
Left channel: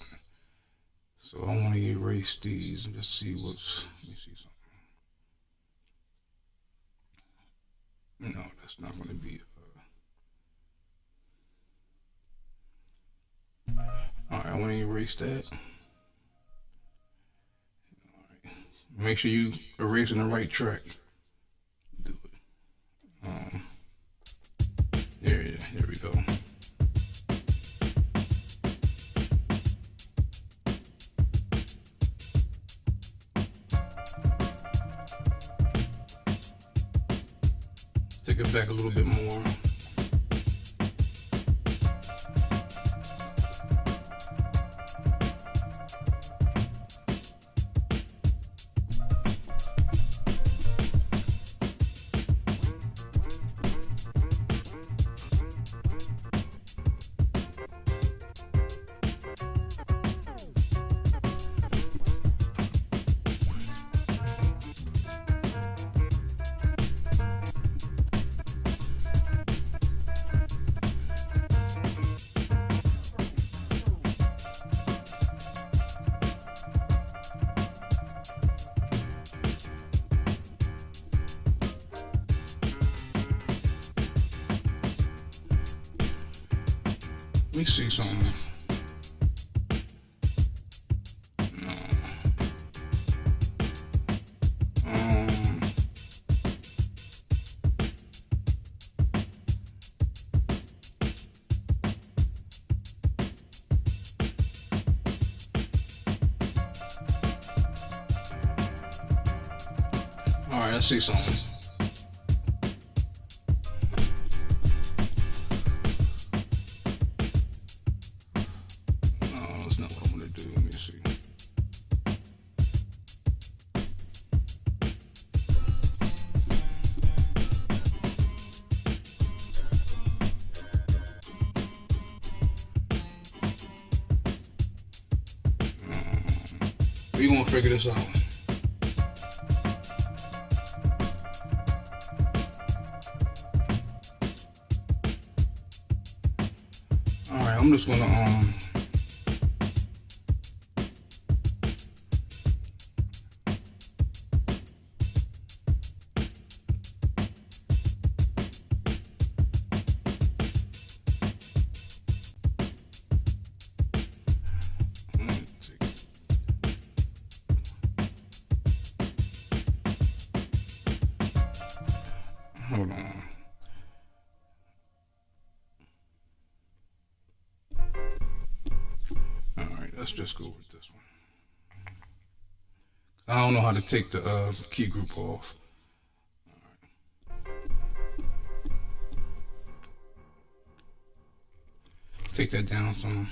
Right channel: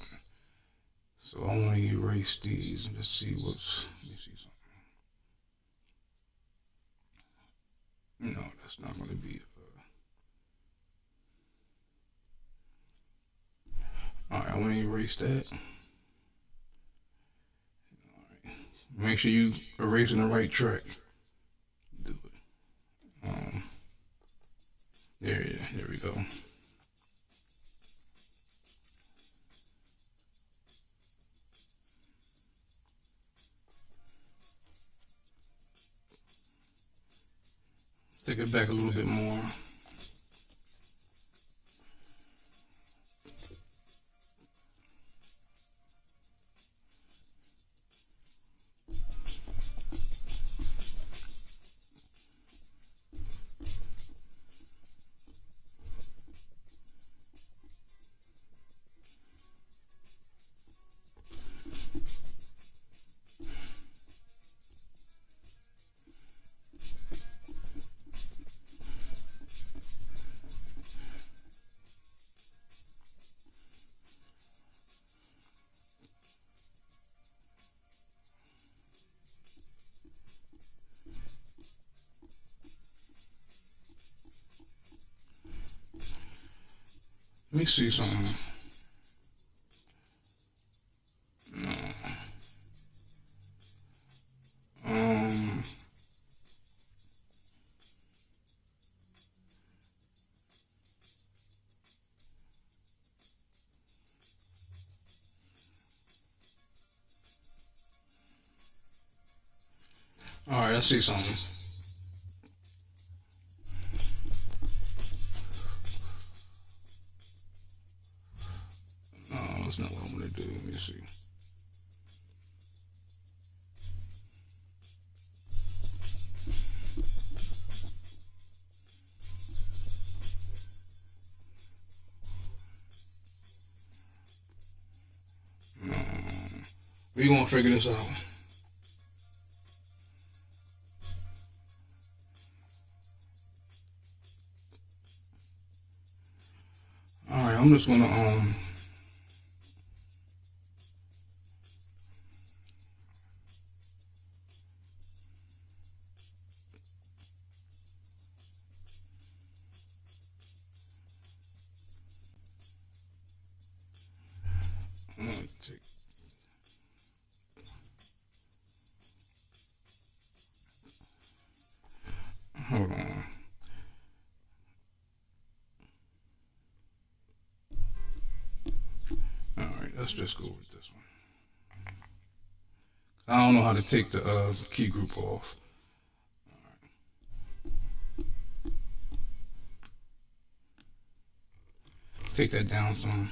So I want to erase these and just see what's. Let me see something. No, that's not going to be. All right, I want to erase that. All right. Make sure you erasing the right track. Do it. There we go. Take it back a little bit more. Let me see something. No. All right, I see something. We gonna figure this out. All right, I'm just gonna hold on. let's just go with this one. I don't know how to take the key group off. Take that down some.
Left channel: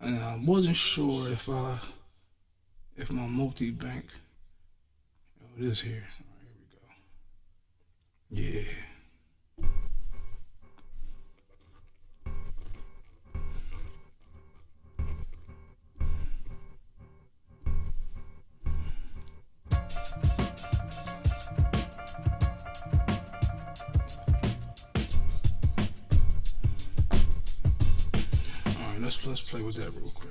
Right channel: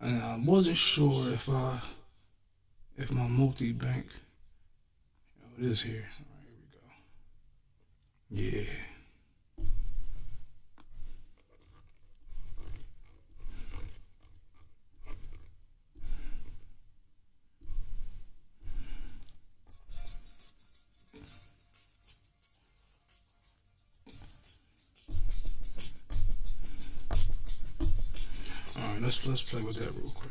And I wasn't sure if my multi-bank, it is here. All right, here we go. Yeah. Let's play with that real quick.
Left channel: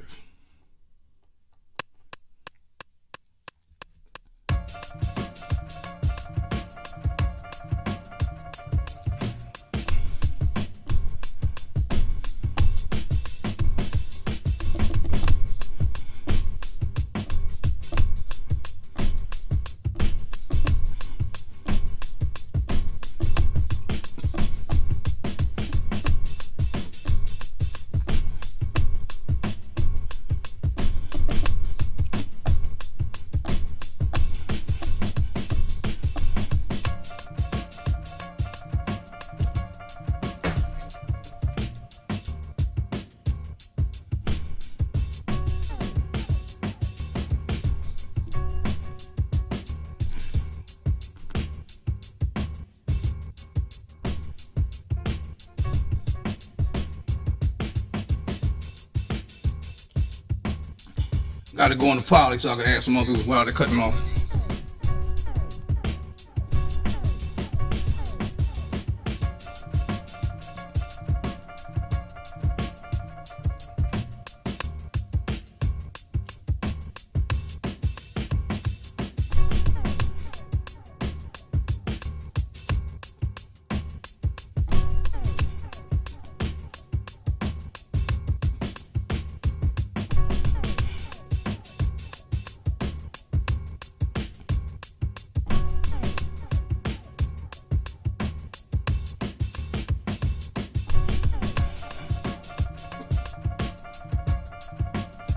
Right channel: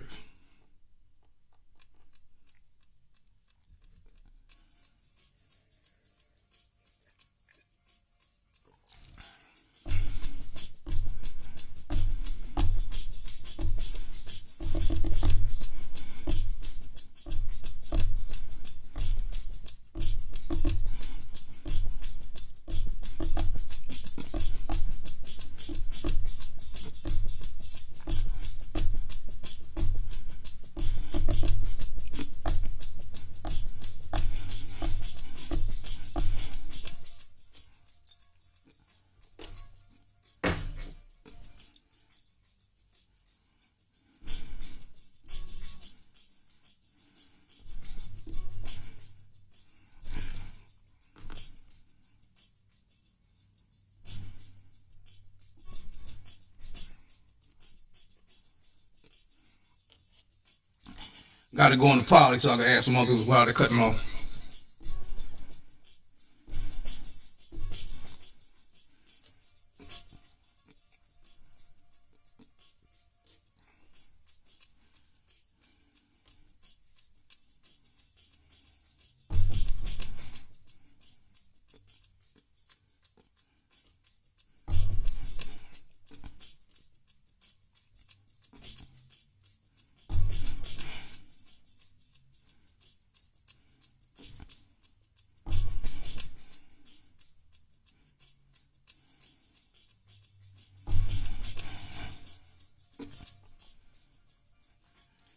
Got to go in the poly so I can add some others while they're cutting off.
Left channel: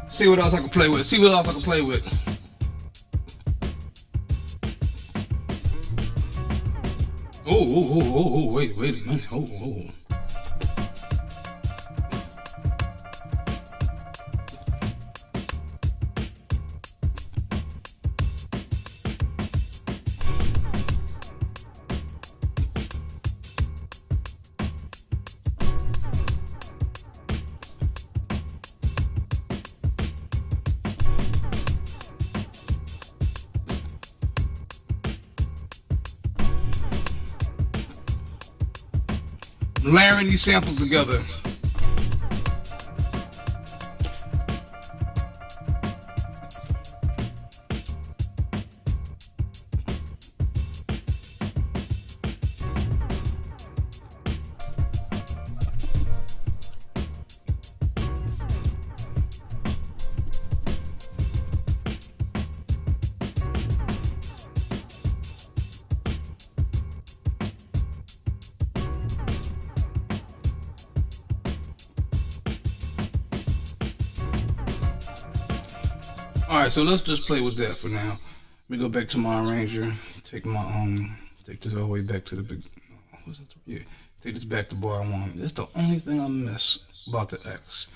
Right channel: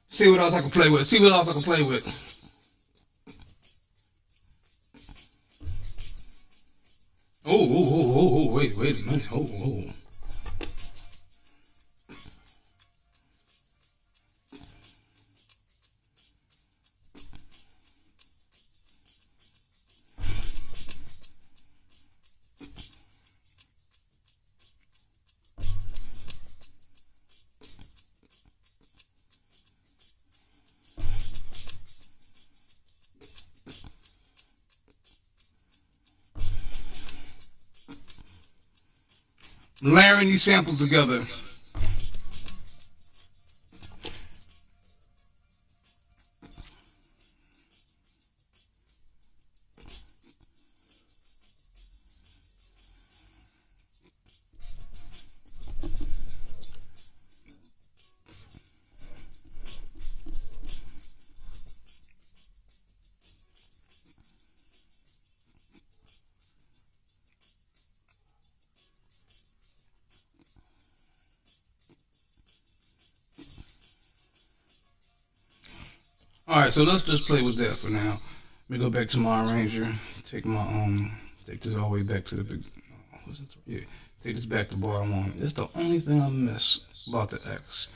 See what else I can play with. See what else I can play with. Oh, wait a minute. Oh. Layering these samples together. Alright, so let's just play with that for now. Let me go back to my arranger. Take my take this all the way back to the big. What's it? Yeah, take this back to bar 1. That's the only thing I miss about the X,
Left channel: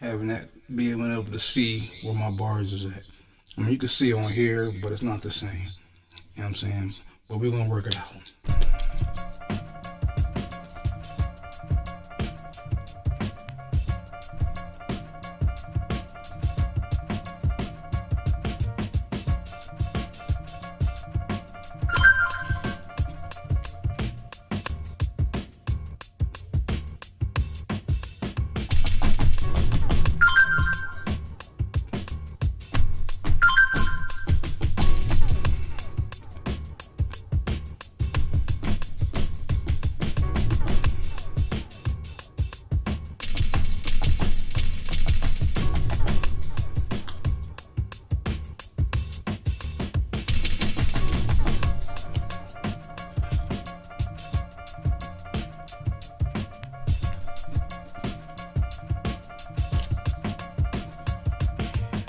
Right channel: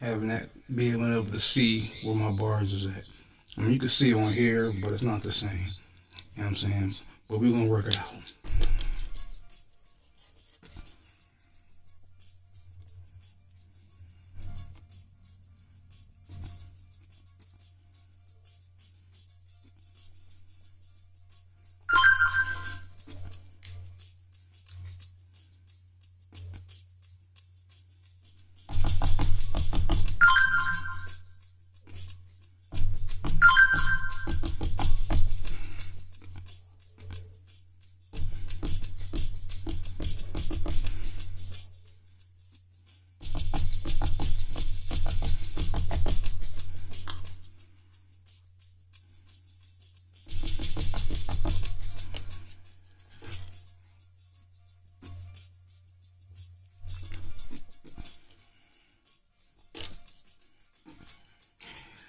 having that, being able to see where my bars is at. I mean, you can see on here, but it's not the same. You know what I'm saying? But we're gonna work it out.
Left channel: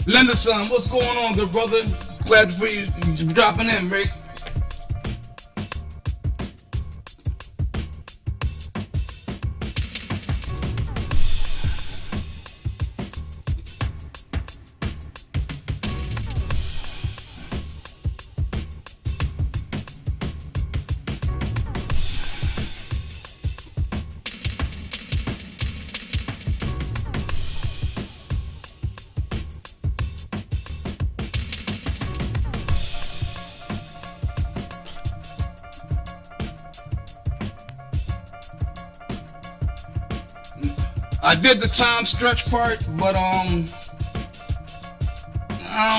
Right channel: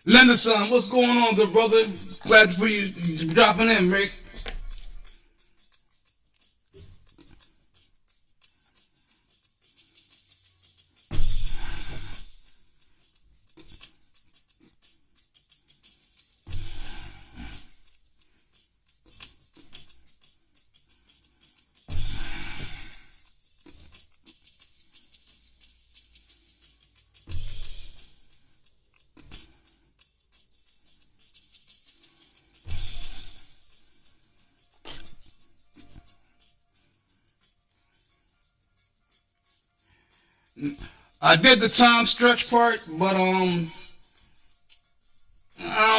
Lenderson, what's going on, good brother? Glad for you dropping in, Rick. I did the time stretch part, but I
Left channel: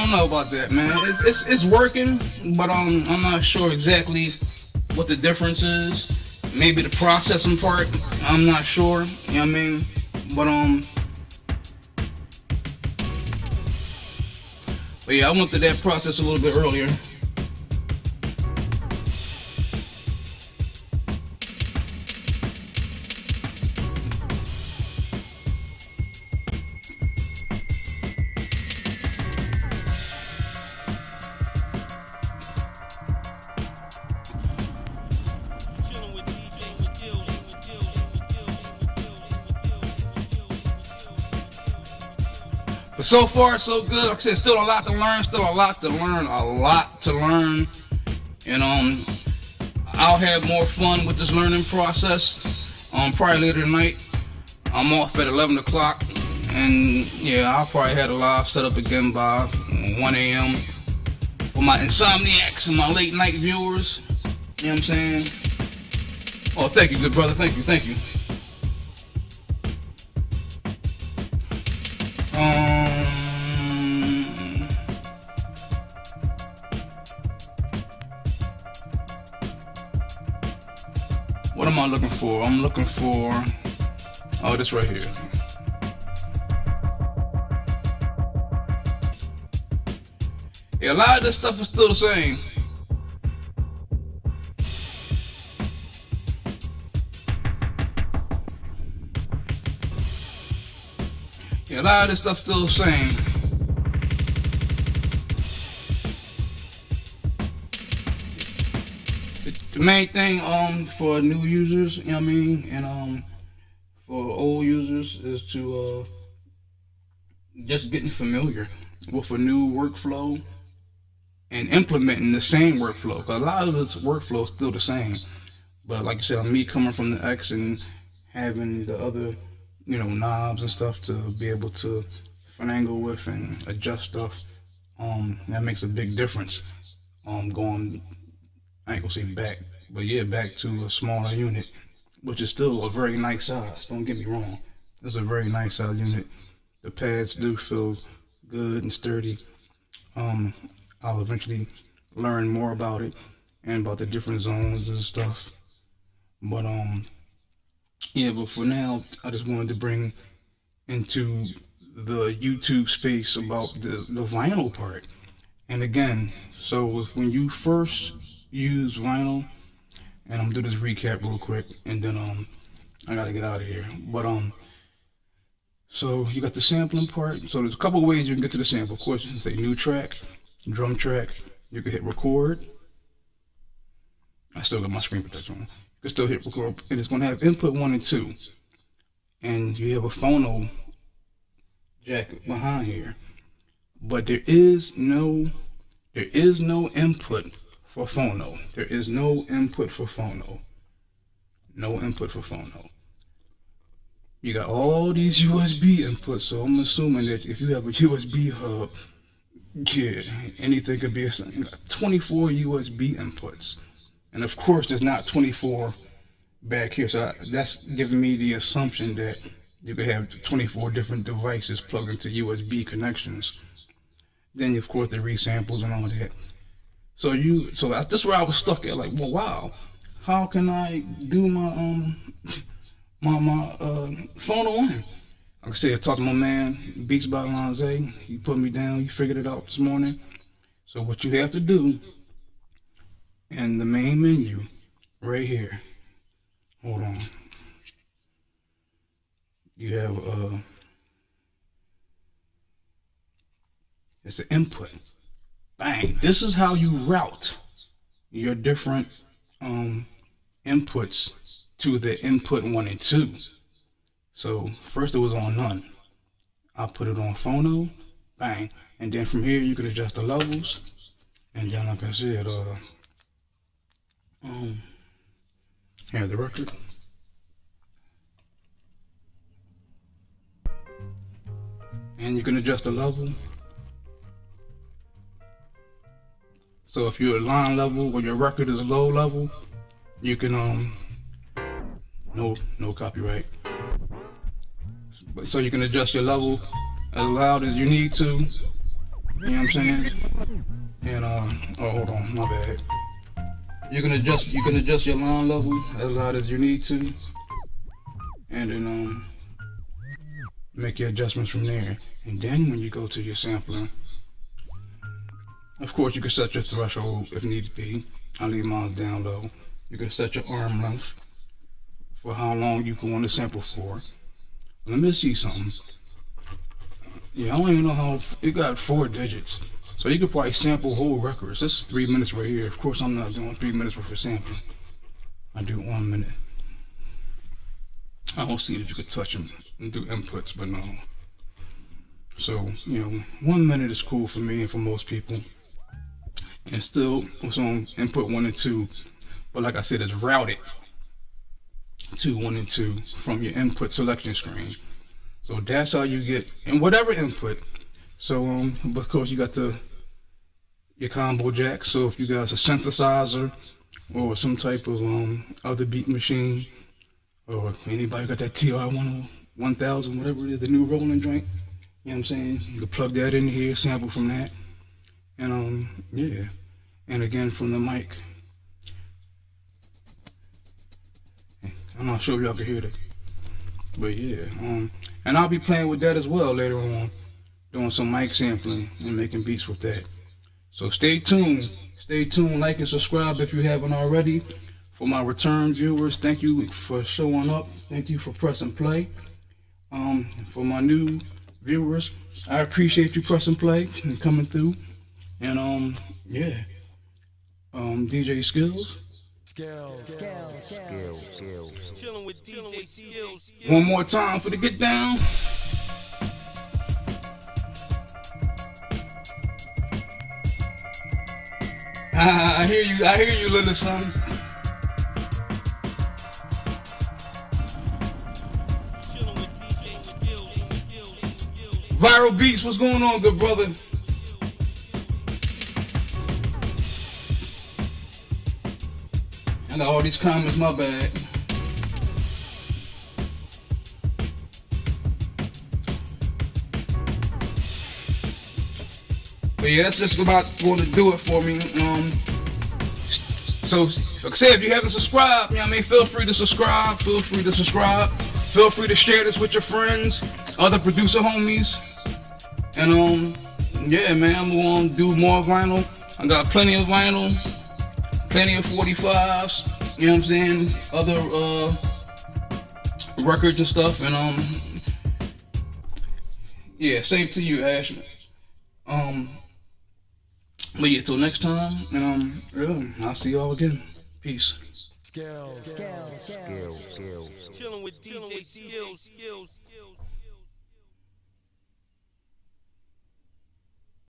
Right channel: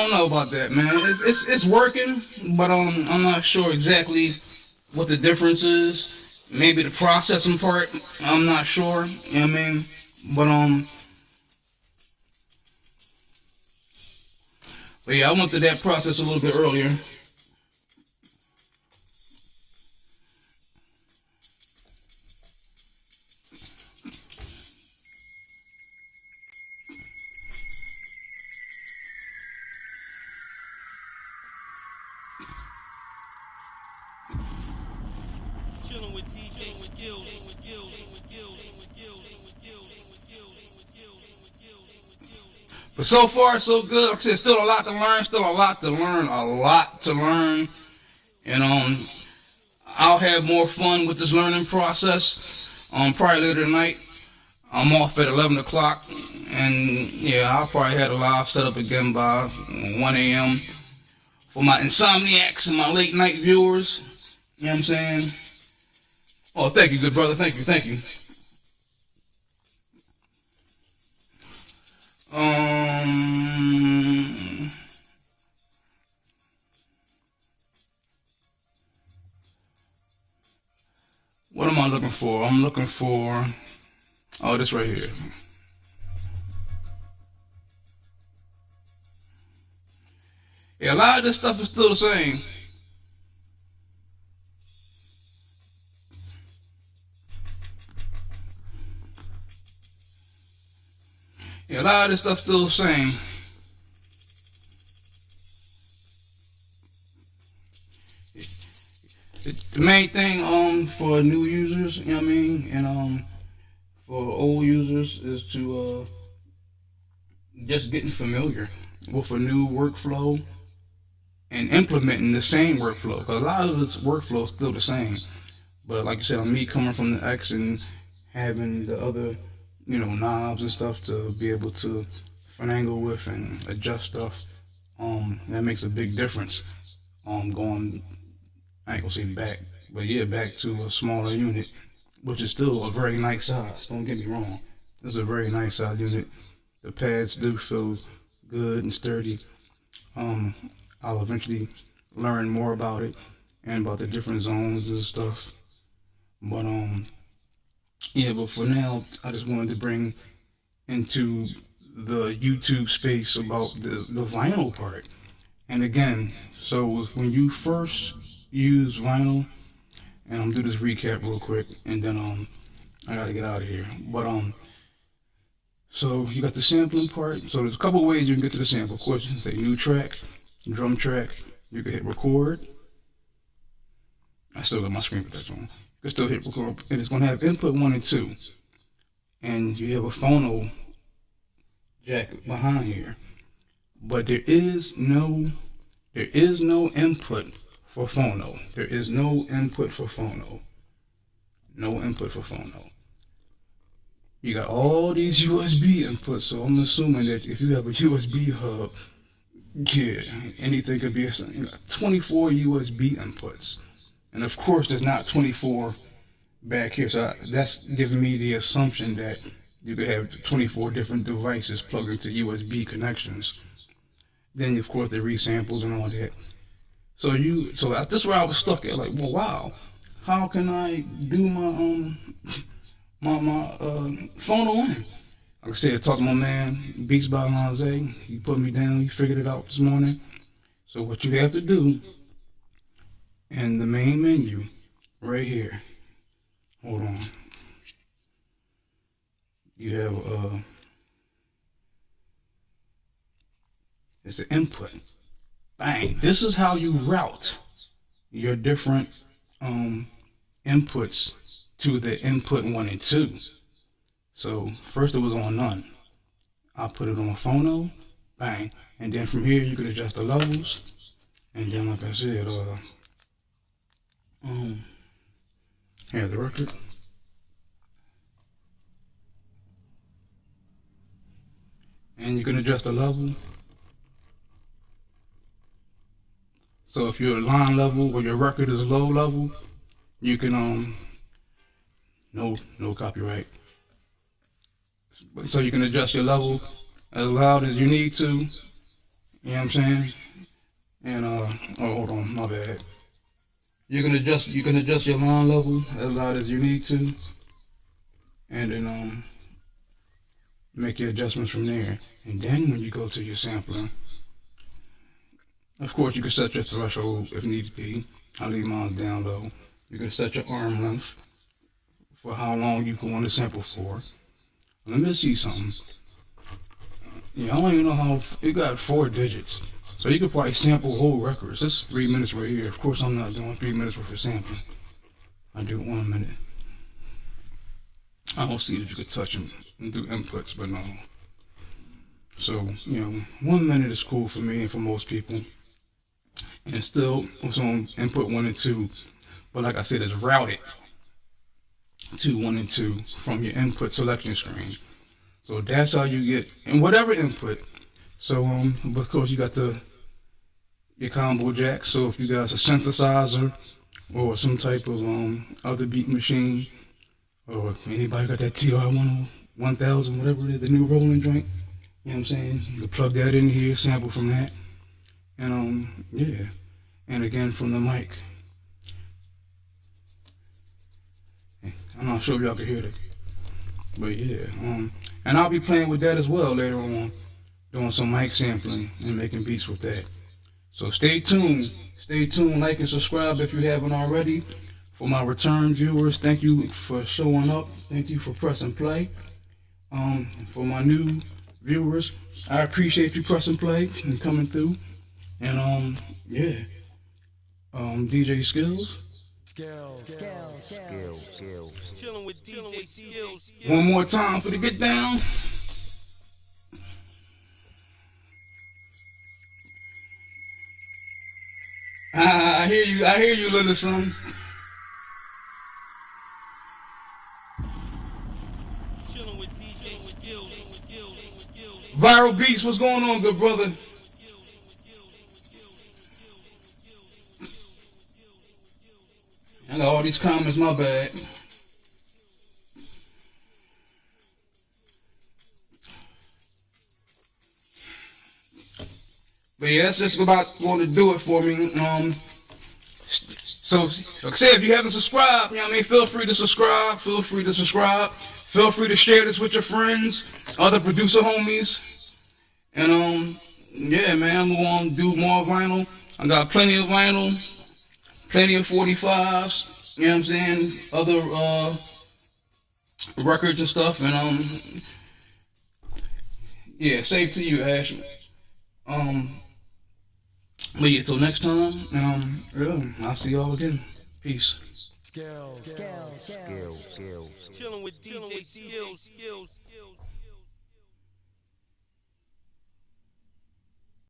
don't know about that, man. It's working, but I'm not sure exactly what the difference is. Maybe the processing part, I'm not sure. You know what I mean? But yeah, I went through that process a little bit earlier. But so far, so good. Like I said, still a lot to learn. And I'll have more fun with this learning process. Probably later tonight. I'm off at 11 o'clock. And yeah, I'll probably have a live set up again by 1 a.m. for my insomniacs and my late night viewers. You know what I'm saying? Oh, thank you, good brother. Thank you. What am I looking for? I'm looking for, oh, this right here. Yeah, a lot of this stuff is still the same. Yeah, a lot of this stuff still the same. The main thing for new users, you know what I mean, and for old users is to just getting familiar with a new workflow and implementing the same workflow, because a lot of this workflow is still the same. But like I said, me coming from the X and having the other, knobs and stuff to be able to finagle with and adjust stuff, that makes a big difference. Going, I ain't gonna say back, but yeah, back to a smaller unit, which is still a very nice size. Don't get me wrong, it's a very nice size unit. The pads do feel good and sturdy. I'll eventually learn more about it and about the different zones and stuff. But yeah, but for now, I just wanted to bring into the YouTube space about the vinyl part. And again, so when you first use vinyl, and I'm gonna do this recap real quick, and then I gotta get out of here. But so you got the sampling part. So there's a couple of ways you can get to the sample. Of course, you can say new track, drum track. You can hit record. I still got my screen protector on. You can still hit record, and it's gonna have input 1 and 2, and you have a phono jack behind here. But there is no input for phono. There is no input for phono. No input for phono. You got all these USB inputs, so I'm assuming that if you have a USB hub, yeah, anything could be a 24 USB inputs. And of course, there's not 24 back here, so that's giving me the assumption that you could have 24 different devices plugged into USB connections. Then, of course, the resamples and all that. So that's where I was stuck at. Like, well, wow, how can I do my phono in? Like I said, I talked to my man, Beats by LONZA. He put me down. He figured it out this morning. So what you have to do in the main menu, right here. Hold on. You have It's an input. Bang. This is how you route your different inputs to the input 1 and 2. So first it was on none. I put it on phono, bang, and then from here you can adjust the levels, and then like I said, have the record. And you can adjust the level. So if you're line level or your record is low level, you can no copyright. So you can adjust your level as loud as you need to. You know what I'm saying? And oh, hold on, my bad. You can adjust your line level as loud as you need to, and then make your adjustments from there. And then when you go to your sampling, of course you can set your threshold if need be. I leave mine down low. You can set your arm length for how long you can want to sample for. Let me see something. Yeah, I don't even know how it got 4 digits. So you could probably sample whole records. This is 3 minutes right here. Of course I'm not doing 3 minutes worth of sampling. I do 1 minute. I don't see that you could touch them and do inputs, but no. So, you know, 1 minute is cool for me and for most people. And still it's on input 1 and 2. But like I said, it's routed to 1 and 2 from your input selection screen. So that's how you get in whatever input. So but of course you got your combo jack. So if you got a synthesizer or some type of other beat machine, or anybody got that TR-1000, whatever it is, the new rolling joint, you know what I'm saying? You can plug that in here, sample from that, and yeah. And again from the mic. I'm not sure if y'all can hear that, but yeah. And I'll be playing with that as well later on, doing some mic sampling and making beats with that. So stay tuned. Stay tuned. Like and subscribe if you haven't already. For my return viewers, thank you for showing up. Thank you for pressing play. For my new viewers, I appreciate you pressing play and coming through. And yeah. DJ Skills. Chilling with DJ Skills. One more time for the get down. I hear you, little son. Chilling with DJ Skills. Viral Beats, what's going on, good brother? I got all these comments, my bad. But yeah, that's just about going to do it for me. So, like I said, if you haven't subscribed, you know what I mean, feel free to subscribe. Feel free to subscribe. Feel free to share this with your friends, other producer homies. And yeah, man, I'm gonna do more vinyl. I got plenty of vinyl, plenty of 45s. You know what I'm saying? Other records and stuff. And yeah, safe to you, Ashley. But yeah, till next time, and I'll see y'all again. Peace. Chilling with DJ Skills.